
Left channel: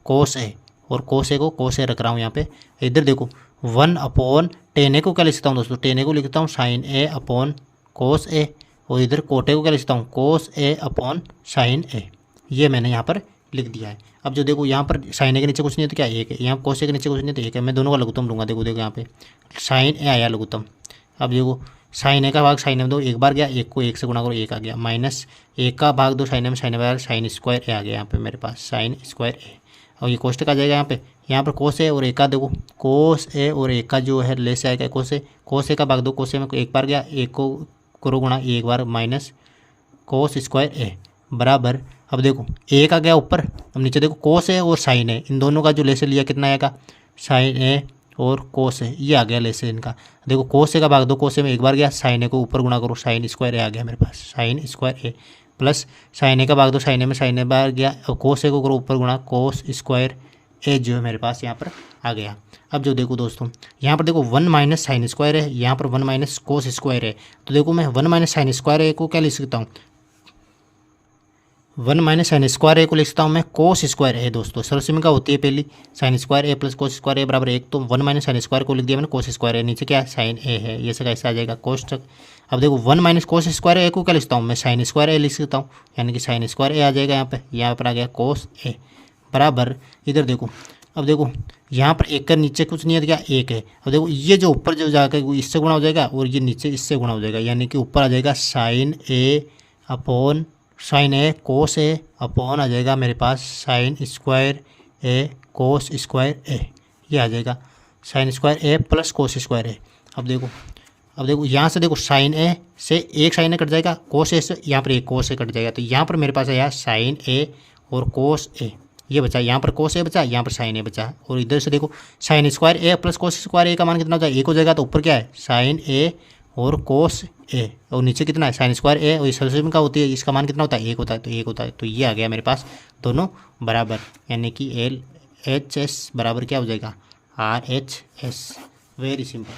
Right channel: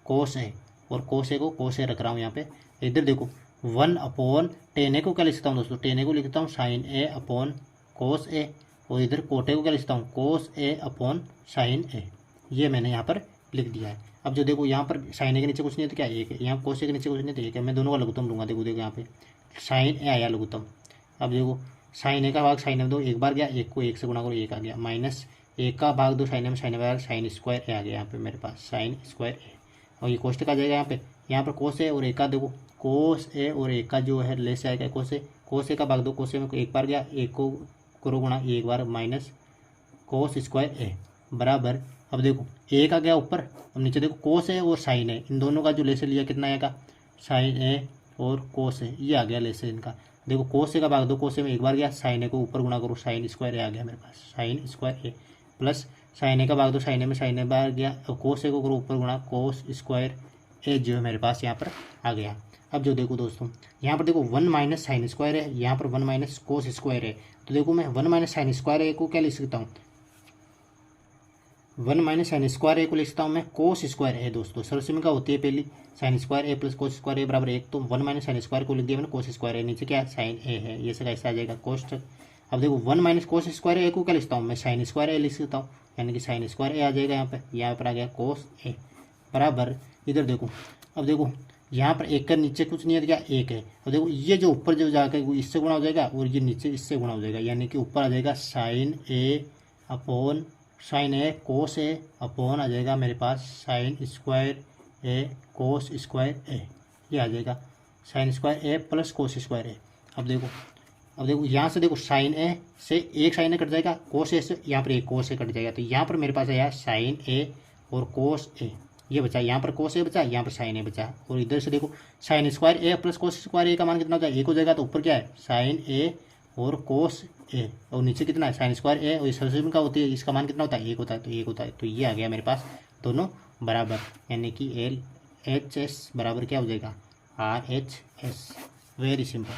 कोस A, और कोस A को कोस A रख रहा हूँ यहाँ पे। इधर देखो 1 टेन A को क्या लिख सकता हूँ दोस्तों, टेन A को लिखता हूँ sine A upon cos A, और इधर कोट A को क्या लिखता हूँ cos A upon sine A, ये मैंने यहाँ पर लिख दिया है। अब जो देखो यहाँ पर साइन A के नीचे कुछ नहीं है तो क्या 1 है, यहाँ कोस A के नीचे कुछ नहीं तो 1 है। मैं दोनों का लघुत्तम लूँगा। देखो यहाँ पे साइन A आया लघुत्तम। अब देखो साइन A का भाग साइन A में दो, एक बार गया, 1 को 1 से गुणा करो 1 आ गया, माइनस 1 का भाग 2 साइन A में, साइन A बार साइन स्क्वायर A आ गया यहाँ पे मेरे पास, साइन स्क्वायर A। और ये कोष्टक आ जाएगा यहाँ पर कोस A और A का, देखो कोस A और A का जो है ले से आएगा कोस A का भाग 2, कोस A में 1 बार गया, 1 को करो गुणा 1 बार, माइनस कोस स्क्वायर A बराबर। अब देखो 1 आ गया ऊपर, अब नीचे देखो कोस A और साइन A, इन दोनों का जो ले से लिया कितना आएगा साइन A और कोस ए, ये आ गया लेसे इनका। देखो कोस ए का भाग दो कोस ए में एक बार गया, साइन ए को ऊपर गुणा करो, साइन स्क्वायर ए आ गया मेरे पास, साइन स्क्वायर ए प्लस साइन ए का भाग दो साइन ए में, साइन ए बाहर गया और कोस ए को करो ऊपर गुणा, कोस स्क्वायर ए जो है मेरे पास यहाँ पर आ गया। अब जो देखो दोस्तों यहाँ पर देखो 1 माइनस साइन स्क्वायर है, यहाँ पर 1 माइनस कोस स्क्वायर है। तो देखो मैं 1 माइनस साइन स्क्वायर ए को क्या लिख सकता हूँ, 1 माइनस साइन स्क्वायर ए को लिख सकता हूँ मैं कोस स्क्वायर ए। दोस्तों सर्वसमीका होती है पहली साइन स्क्वायर ए प्लस कोस स्क्वायर ए बराबर 1, तो 1 माइनस साइन स्क्वायर को लिख दिया मैंने कोस स्क्वायर ए, नीचे क्या है साइन ए है, ये से कैसे आ जाएगा कोस तक। अब देखो 1 माइनस कोस स्क्वायर ए को क्या लिखता हूँ मैं, साइन स्क्वायर ए लिख सकता हूँ, यानी कि साइन स्क्वायर ए आ जाएगा यहाँ पर आ गया कोस ए बराबर। इधर देखो अब देखो यहाँ पर एक का नीचे कुछ नहीं है क्या, एक है। अब देखो ये जो ऊपर जो जाकर वो इससे गुणा हो जाएगा और ये नीचे इससे गुणा हो जाएगा, यानी कि ऊपर आ जाएगा sign A upon sine A cos A upon आ जाएगा मेरे पास साइन स्क्वायर ए कोस स्क्वायर ए, ये आ जाएगा साइन स्क्वायर ए प्लस कोस स्क्वायर ए। अब देखो यहाँ से देखो साइन ए से एक साइन ए कट जाएगा, कोस ए से यहाँ पर एक कोस ए कट जाएगा, तो यहाँ पर मेरे पास आया साइन ए और कोस ए, ये बचा, यहाँ पर कोस ए बचा, यहाँ पर साइन ए बचा। और इधर से देखो साइन स्क्वायर ए प्लस कोस स्क्वायर ए का मान कितना हो जाएगा, एक हो जाएगा, तो ऊपर क्या है साइन ए और कोस ए, और नीचे कितना है साइन स्क्वायर ए, और इस सर्वसमीका का होती है इसका मान कितना होता है, एक होता है, तो एक होता है, तो ये आ गया मेरे पास दोनों बराबर, यानी कि LHS बराबर क्या हो जाएगा RHS। Very simple.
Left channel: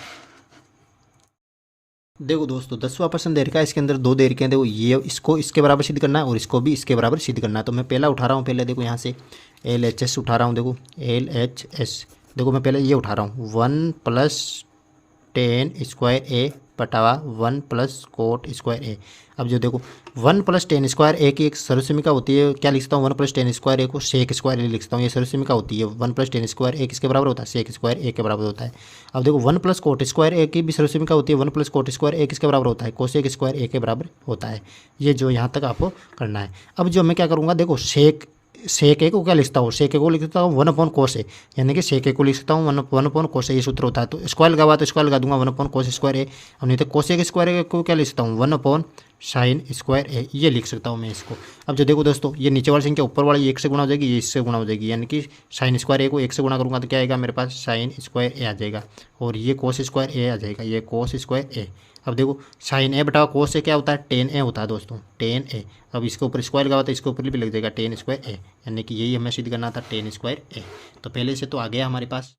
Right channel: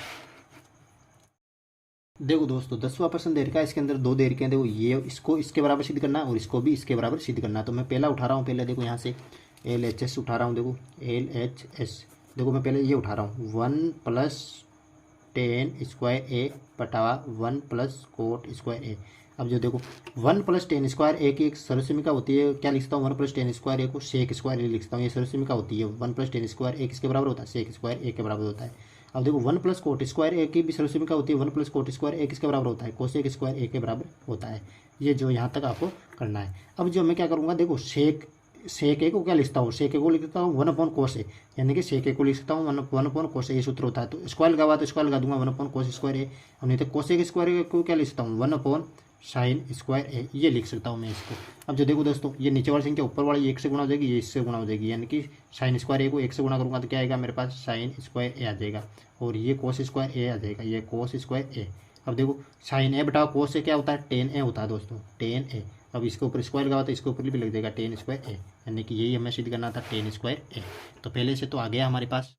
देखो दोस्तों 10वां प्रश्न दे रखा है, इसके अंदर दो दे रखे हैं। देखो ये इसको इसके बराबर सिद्ध करना है और इसको भी इसके बराबर सिद्ध करना है। तो मैं पहला उठा रहा हूँ, पहले देखो यहाँ से LHS उठा रहा हूँ, देखो LHS, देखो मैं पहले ये उठा रहा हूँ 1 प्लस टेन स्क्वायर ए बटावा 1 प्लस कोट स्क्वायर ए। अब जो देखो 1 प्लस टेन स्क्वायर ए की एक सर्वसमीका होती है, क्या लिखता हूँ 1 प्लस टेन स्क्वायर ए को सेक स्क्वायर ए लिखता हूँ, ये सर्वसमीका होती है। 1 प्लस टेन स्क्वायर ए किसके बराबर होता है, सेक स्क्वायर ए के बराबर होता है। अब देखो 1 प्लस कोट स्क्वायर ए की भी सर्वसमीका होती है, 1 प्लस कोट स्क्वायर ए किसके बराबर होता है, कोसेक स्क्वायर ए के बराबर होता है। ये जो यहाँ तक आपको करना है। अब जो मैं क्या करूँगा, देखो सेक ए को क्या लिखता हूँ, सेक ए को लिखता हूँ 1 अपॉन कोस ए, यानी कि सेक ए को लिख सकता हूँ 1 अपॉन कोस ए, ये सूत्र होता है। तो स्क्वायर लगा हुआ तो स्क्वायर लगा दूंगा 1 अपॉन कोस स्क्वायर ए, और नहीं तो कोसेक स्क्वायर ए को क्या लिख सकता हूँ 1 अपॉन साइन स्क्वायर ए, ये लिख सकता हूँ मैं इसको। अब जो देखो दोस्तों ये नीचे वाली संख्या ऊपर वाली 1 से गुणा हो जाएगी, ये इससे गुणा हो जाएगी, यानी कि साइन स्क्वायर ए को 1 से गुणा करूँगा तो क्या आएगा मेरे पास साइन स्क्वायर ए आ जाएगा, और ये कोस स्क्वायर ए आ जाएगा, ये कोस स्क्वायर ए। अब देखो साइन ए बटा कोस से क्या होता है, टेन ए होता है दोस्तों, टेन ए। अब इसके ऊपर स्क्वायर लगा हुआ तो इसके ऊपर भी लग जाएगा टेन स्क्वायर ए, यानी कि यही हमें सिद्ध करना था टेन स्क्वायर ए। तो पहले से तो आ गया हमारे पास।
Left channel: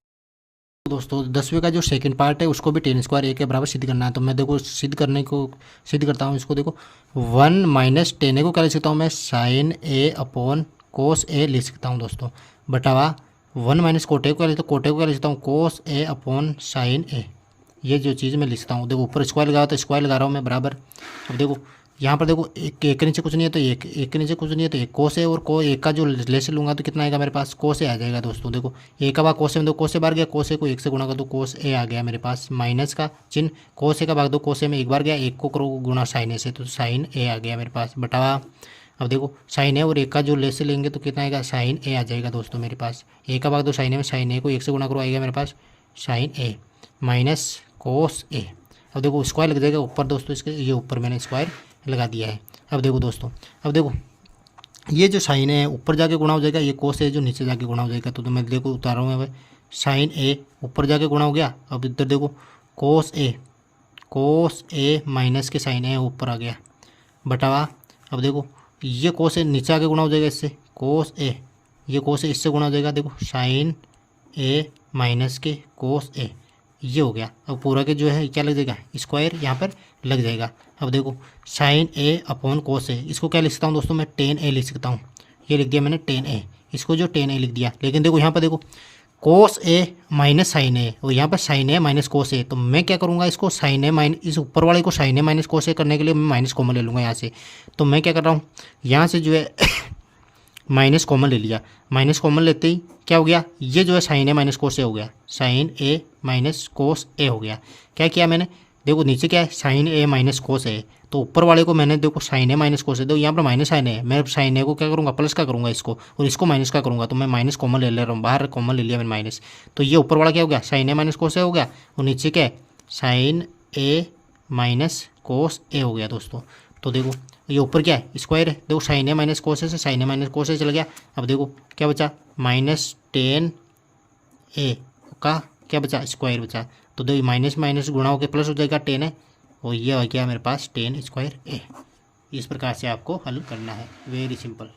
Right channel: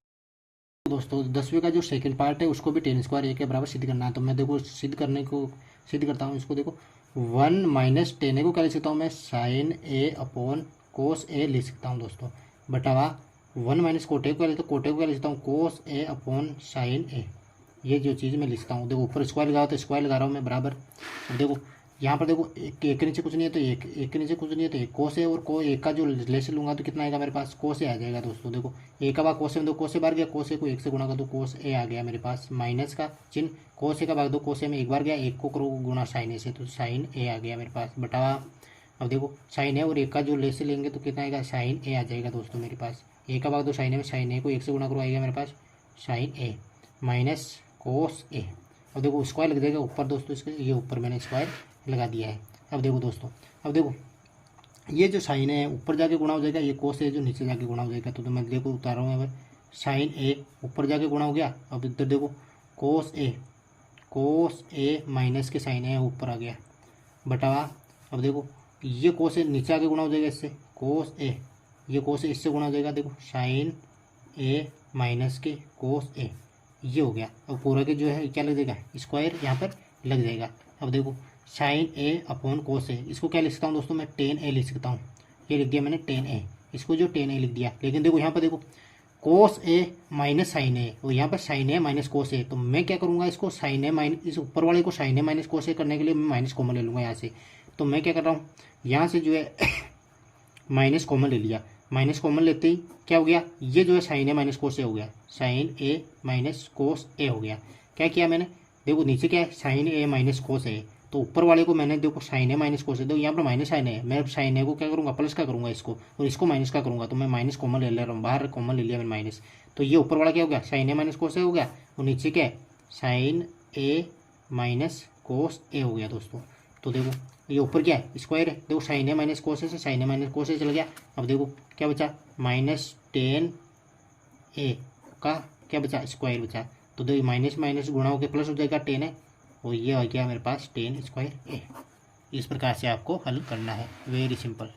दोस्तों 10वें का जो सेकंड पार्ट है उसको भी टेन स्क्वायर ए के बराबर सिद्ध करना है। तो मैं देखो सिद्ध करता हूँ इसको। देखो 1 माइनस टेन ए को क्या लिख सकता हूँ मैं, साइन ए अपॉन कोस ए लिख सकता हूँ दोस्तों, बटावा 1 माइनस कोटे को क्या लिखता हूँ कोस ए अपॉन साइन ए, ये जो चीज़ मैं लिखता हूँ। देखो ऊपर स्क्वायर लगा तो स्क्वायर लगा रहा हूँ मैं बराबर। अब देखो यहाँ पर देखो एक के नीचे कुछ नहीं है तो एक के नीचे कुछ नहीं है तो एक कोस है, और एक का जो लेस लूँगा तो कितना आएगा मेरे पास, कोस ए आ जाएगा दोस्तों। देखो एक का भाग कोस ए में, दो कोस ए बार गया, कोस ए को 1 से गुणा कर दो, कोस ए आ गया मेरे पास, माइनस का चिन्ह, कोस ए का भाग दो कोस ए में एक बार गया, एक को करो गुणा साइन ए से, तो साइन ए आ गया मेरे पास बटावा। अब देखो साइन ए और एक का जो लेस लेंगे तो कितना आएगा, साइन ए आ जाएगा दोस्तों मेरे पास। एक का भाग दो साइन ए में, साइन ए को 1 से गुणा करो आएगा मेरे पास साइन ए माइनस कोस ए। अब देखो स्क्वायर लग जाएगा ऊपर दोस्तों इसके, ये ऊपर मैंने स्क्वायर लगा दिया है। अब देखो दोस्तों, अब देखो ये जो साइन है ऊपर जाके गुणा हो जाएगा, ये कोस है जो नीचे जाके गुणा हो जाएगा। तो मैं देखो उतार रहा हूँ यहाँ पे, साइन ए ऊपर जाके गुणा हो गया। अब इधर देखो कोस ए माइनस के साइन ए ऊपर आ गया बटावा। अब देखो ये कोस ए नीचे आके गुणा हो जाएगा इससे, कोस ए, ये कोस ए इससे गुणा हो जाएगा, देखो साइन ए माइनस के कोस ए, ये हो गया। अब पूरा के जो है क्या लग जाएगा, स्क्वायर यहाँ पर लग जाएगा। अब देखो साइन ए अपॉन कोस ए, इसको क्या लिख सकता हूँ दोस्तों मैं, टेन ए लिख सकता हूँ, ये लिख दिया मैंने टेन ए, इसको जो टेन ए लिख दिया। लेकिन देखो यहाँ पर देखो कोस ए माइनस साइन ए, और यहाँ पर साइन ए माइनस कोस ए, तो मैं क्या करूँगा इसको साइन ए माइनस, इस ऊपर वाले को साइन ए माइनस कोस ए करने के लिए मैं माइनस कॉमन ले लूँगा यहाँ से। तो मैं क्या कर रहा हूँ, यहाँ से जो है माइनस कॉमन ले लिया, माइनस कॉमन लेते ही क्या हो गया, ये जो है साइन ए माइनस कोस ए हो गया, साइन ए माइनस कोस ए हो गया। क्या किया मैंने, देखो नीचे क्या है साइन ए माइनस कोस ए, तो ऊपर वाले को मैंने देखो साइन ए माइनस कोस ए, देखो यहाँ पर माइनस साइन ए, मैं साइन ए को क्या करूँगा प्लस का करूँगा इसको, और इसको माइनस का करूँगा, तो मैं माइनस कॉमन ले रहा हूँ, बाहर कॉमन ले लिया मैंने माइनस। तो ये ऊपर वाला क्या हो गया, साइन ए माइनस कोस ए हो गया, और नीचे क्या है साइन ए माइनस कोस ए हो गया दोस्तों। तो देखो ये ऊपर क्या है स्क्वायर है, देखो साइन ए माइनस कोस ए से साइन ए माइनस कोस ए चला गया। अब देखो क्या बचा, माइनस टेन ए का क्या बचा, स्क्वायर बचा। तो देखो माइनस माइनस गुणा होकर प्लस हो जाएगा 10 है, और ये हो गया मेरे पास 10 स्क्वायर ए। इस प्रकार से आपको हल करना है, वेरी सिंपल।